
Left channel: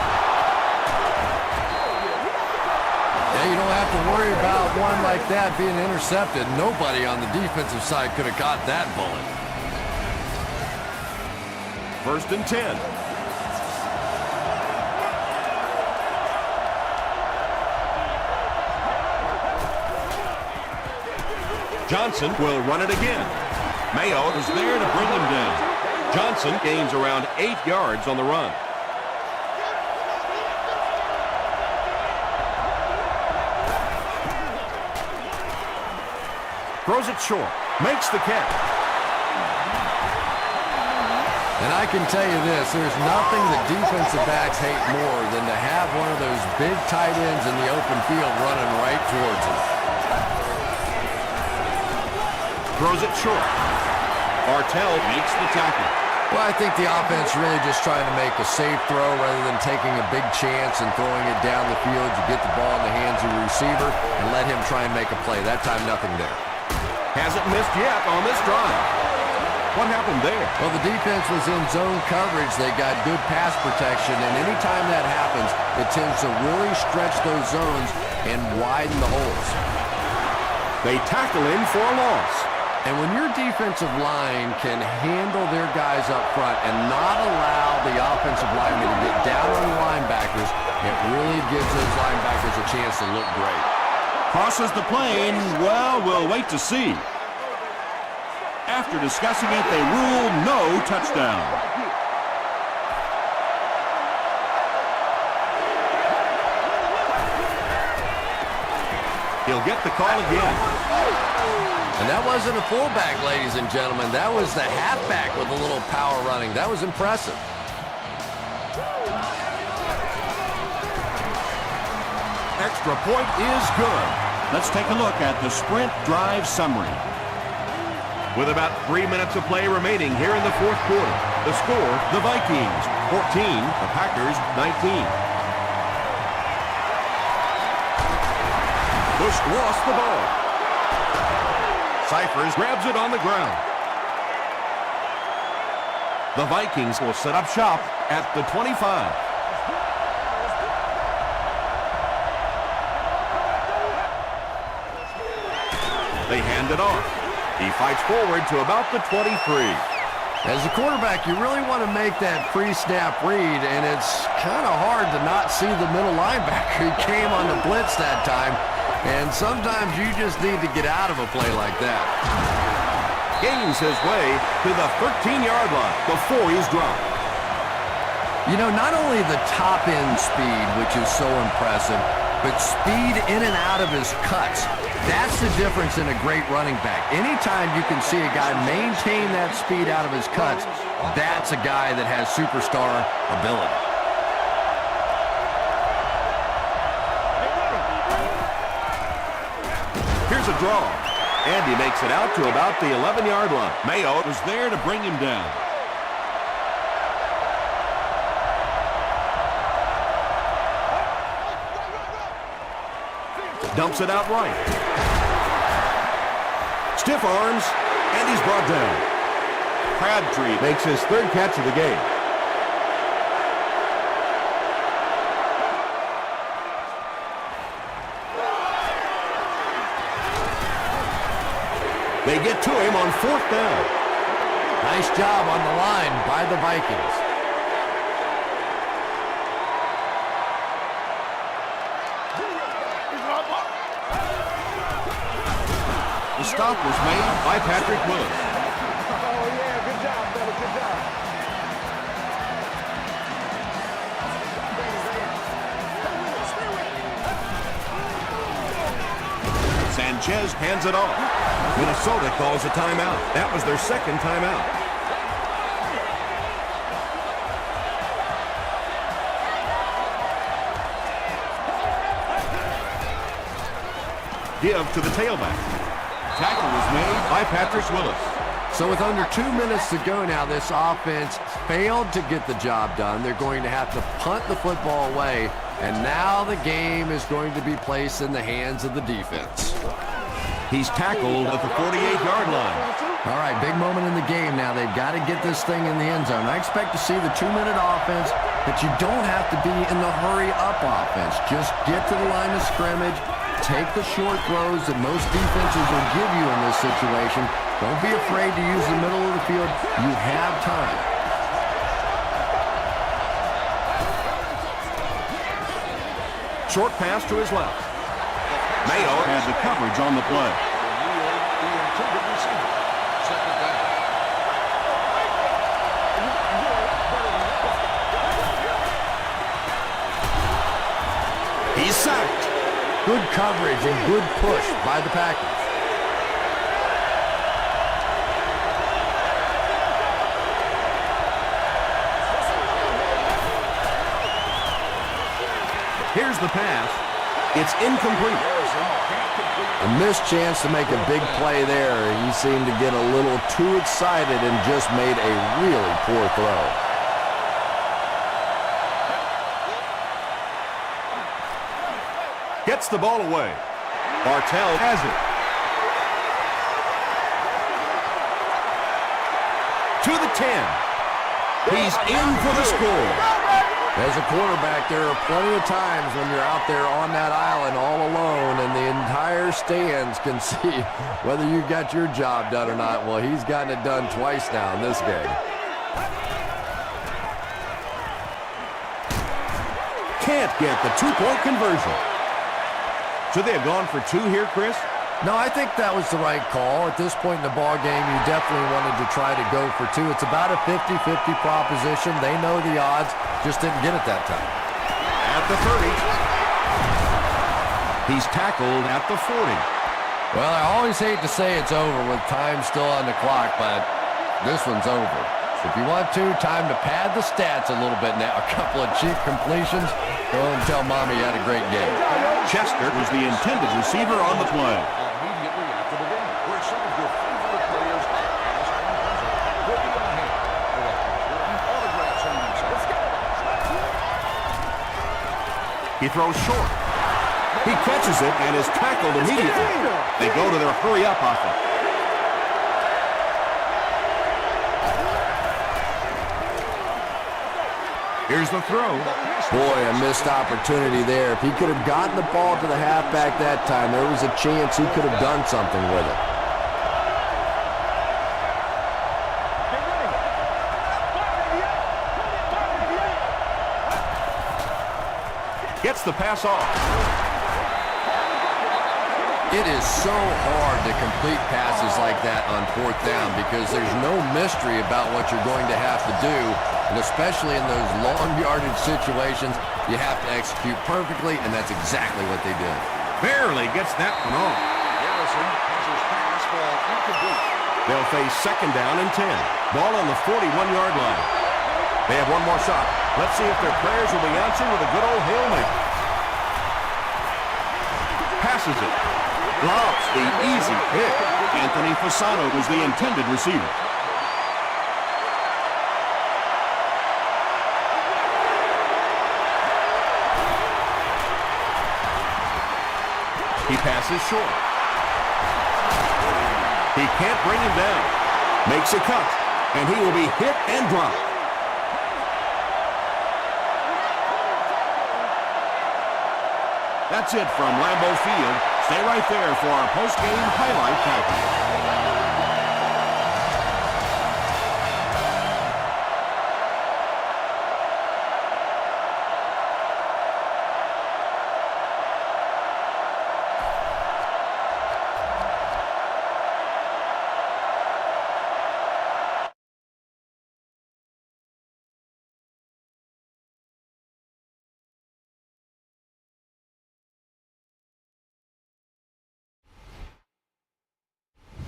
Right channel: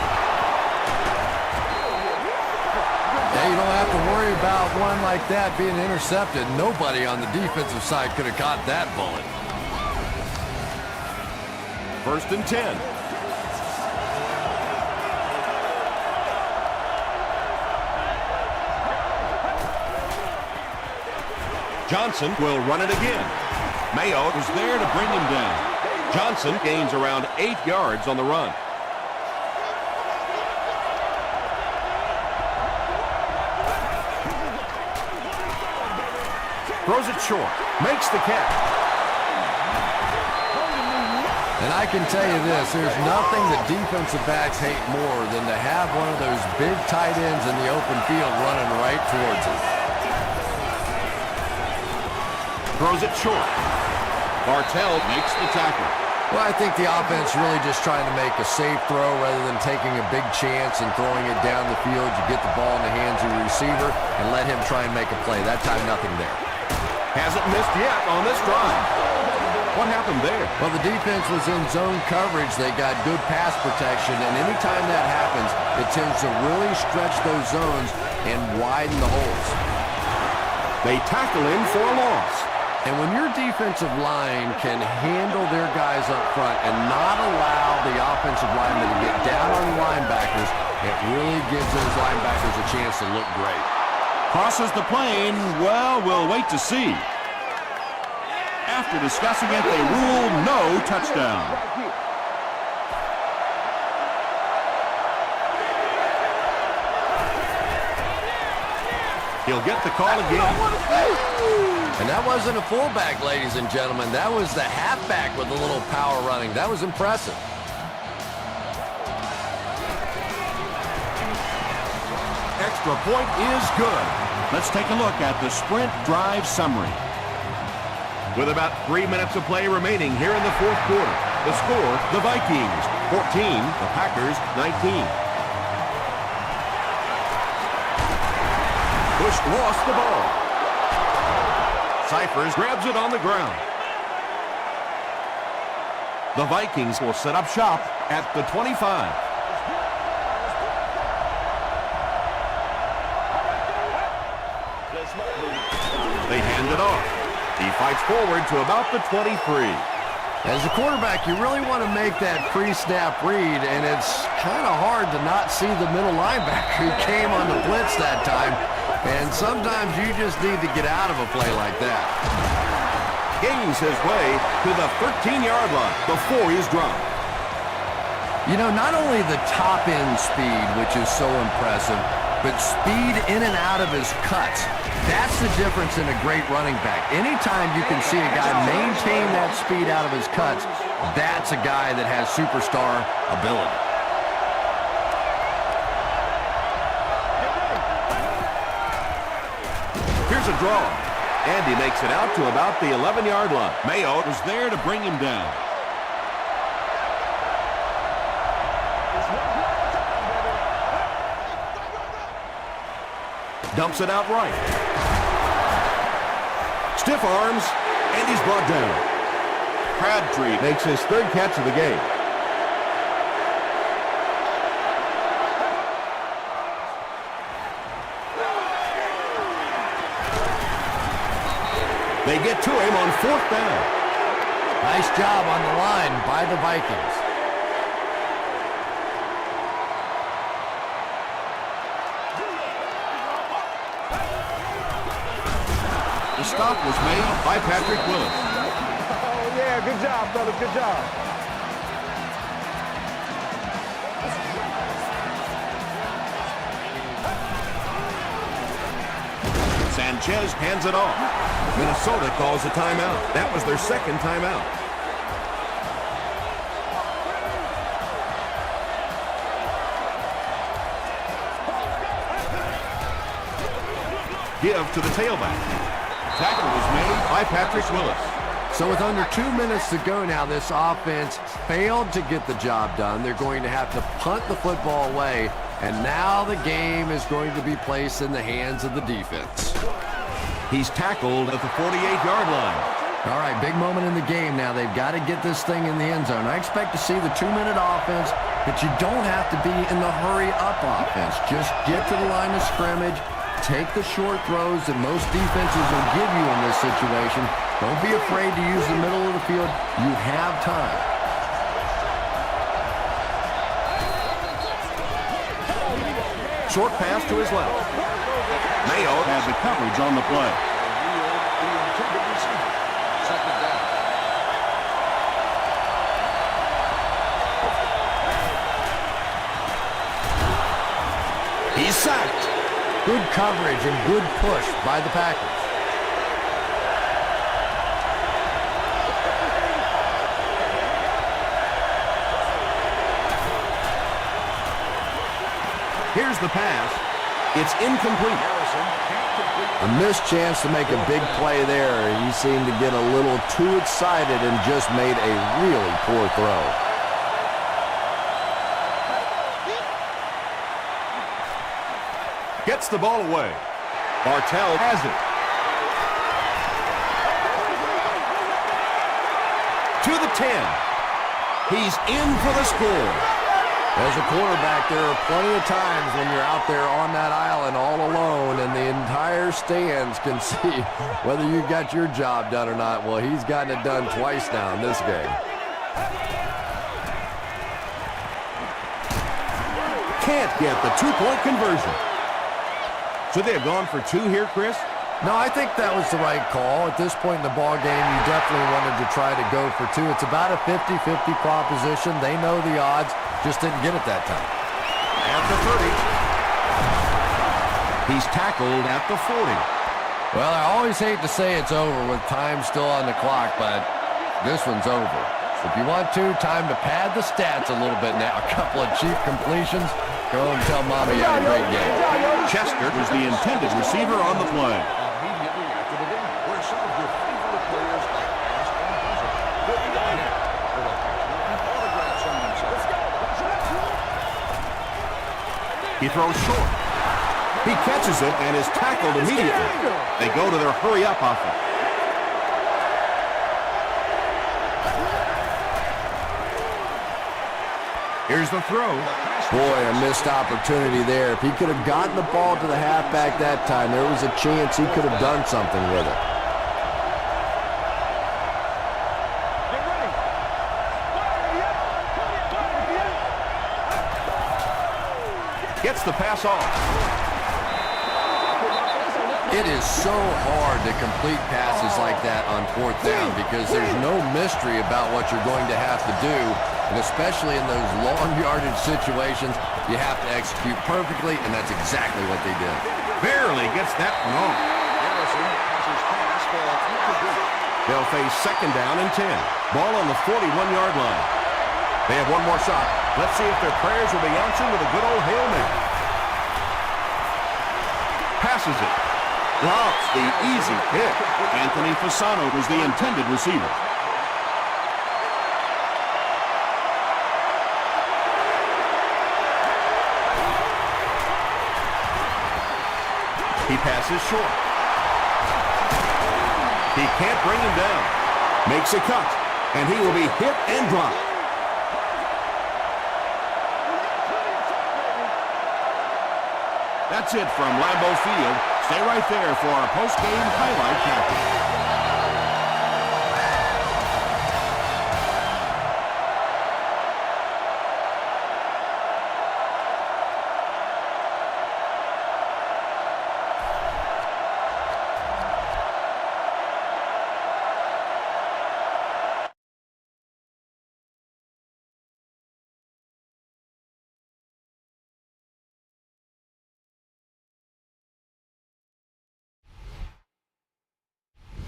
Yeah, you don't have to worry about one like that being intercepted. Nobody on the defensive side could have caught that bullet. 1st and 10. Johnson will run it again. Mayo was there to bring him down. Johnson gains around 8 yards on the run. Throws it short. Makes the catch. And I can tell you this, there's nothing that defensive backs hate more than to have one of those big tight ends in the open field running right towards them. Throws it short. Bartell makes the tackle. Well, I think the offense really just trying to make a safe throw rather than taking a big chance and throwing it down the field. You get the ball in the hands of your receiver and let him try and make a play. That time, nothing there. Hasn't missed yet on this drive. What happened there? Well, the defense was in zone coverage. They got good pass protection, and anytime that happens, it tends to really stretch those zones and widen the holes. They tackle him for a loss. And when your defensive line can handle their guys up front and not allow the offensive linemen to get down on the linebackers, it really gives those linebackers a chance to look great. Crosses the plane. Well, we'll wait to see. After discussing it, they rule no touchdown. He'll get the call again. And that wasn't a fullback, ladies and gentlemen. That was the halfback with a little power running. That was impressive. Extra point is good. Let's take a look at the sprint drive summary. With about 3 minutes of play remaining here in the 4th quarter. The score, the Vikings 14, the Packers 19. Bush lost the ball. Cyphers grabs it on the ground. The Vikings will set up shop at the 25. They hand it off. He fights forward to about the 23. As a quarterback, you really want to make that pre-snap read, and it's kind of hard to not see the middle linebacker. He came on the blitz that time, and sometimes you just need to get out of a play like that. Gains his way to the 13-yard line before he's dropped. You know, not only the top-end speed, which is so impressive, but speed in and out of his cuts. That's the difference in a great running back. Anytime you can see a guy maintain that speed out of his cuts, that's a guy that has superstar ability. Here's a draw. And he makes it out to about the 11-yard line. Mayo was there to bring him down. Dumps it out right. Stiff arms, and he's brought down. Crabtree makes his 3rd catch of the game. They get to him on 4th down. Nice job on the line by the Vikings. The stop was made by Patrick Willis. Oh, yeah, good job, fellas, good job. Sanchez hands it off. Minnesota calls a timeout. That was their second timeout. Give to the tailback. Tackle was made by Patrick Willis. So with under 2 minutes to go now, this offense failed to get the job done. They're going to have to punt the football away, and now the game is going to be placed in the hands of the defense. He's tackled at the 48-yard line. All right, big moment in the game now. They've got to get this thing in the end zone. I expect to see the 2-minute offense, but you don't have to be in the hurry-up offense. Just get to the line of scrimmage, take the short throws that most defenses will give you in this situation. Don't be afraid to use the middle of the field. You have time. Short pass to his left. Mayo had the coverage on the play. He's sacked. Good coverage and good push by the Packers. Here's the pass. It's incomplete. A missed chance to make a big play there. He seemed to get a little too excited and just made a really poor throw. Gets the ball away. Bartell has it. To the 10. He's in for the score. As a quarterback, there are plenty of times when you're out there on that island all alone and the entire stands can see whether you got your job done or not. Well, he's gotten it done twice now in this game. Can't get the two-point conversion. Should they have gone for two here, Chris? No, I think that was the right call. At this point in the ball game, you definitely wanted to try to go for two. It's about a 50-50 proposition. They know the odds, just didn't get it that time. At the 30. He's tackled at the 40. Well, I always hate to say it's over with time still on the clock, but this one's over. If you want to, time to pad the stats a little bit now. A couple of cheap completions. Go and tell Mommy you had a great game. Chester was the intended receiver on the play. Immediately after the game, where some of your favorite players are past and present. We'll be on here with a picture and autograph signing session. Let's go. He throws short. He catches it and is tackled immediately. They go to their hurry-up offense. Here's the throw. Boy, a missed opportunity there. If he could have gotten the ball to the halfback that time, there was a chance he could have done something with it. Get ready. 188. Gets the pass off. It is so hard to complete passes like that on fourth down because there's no mystery about what you're going to have to do, and especially in those long yardage situations, you have to execute perfectly, and that's exactly what they did. Barely gets that one off. They'll face second down and 10. Ball on the 41-yard line. They have one more shot. Let's see if their prayers will be answered with a good old Hail Mary. Passes it. Drops the easy pick. Anthony Fasano was the intended receiver. He passes short. He can't bring him down. Makes a cut, and he will be hit and dropped. That's it from Lambeau Field. Stay right there for our post-game highlight package.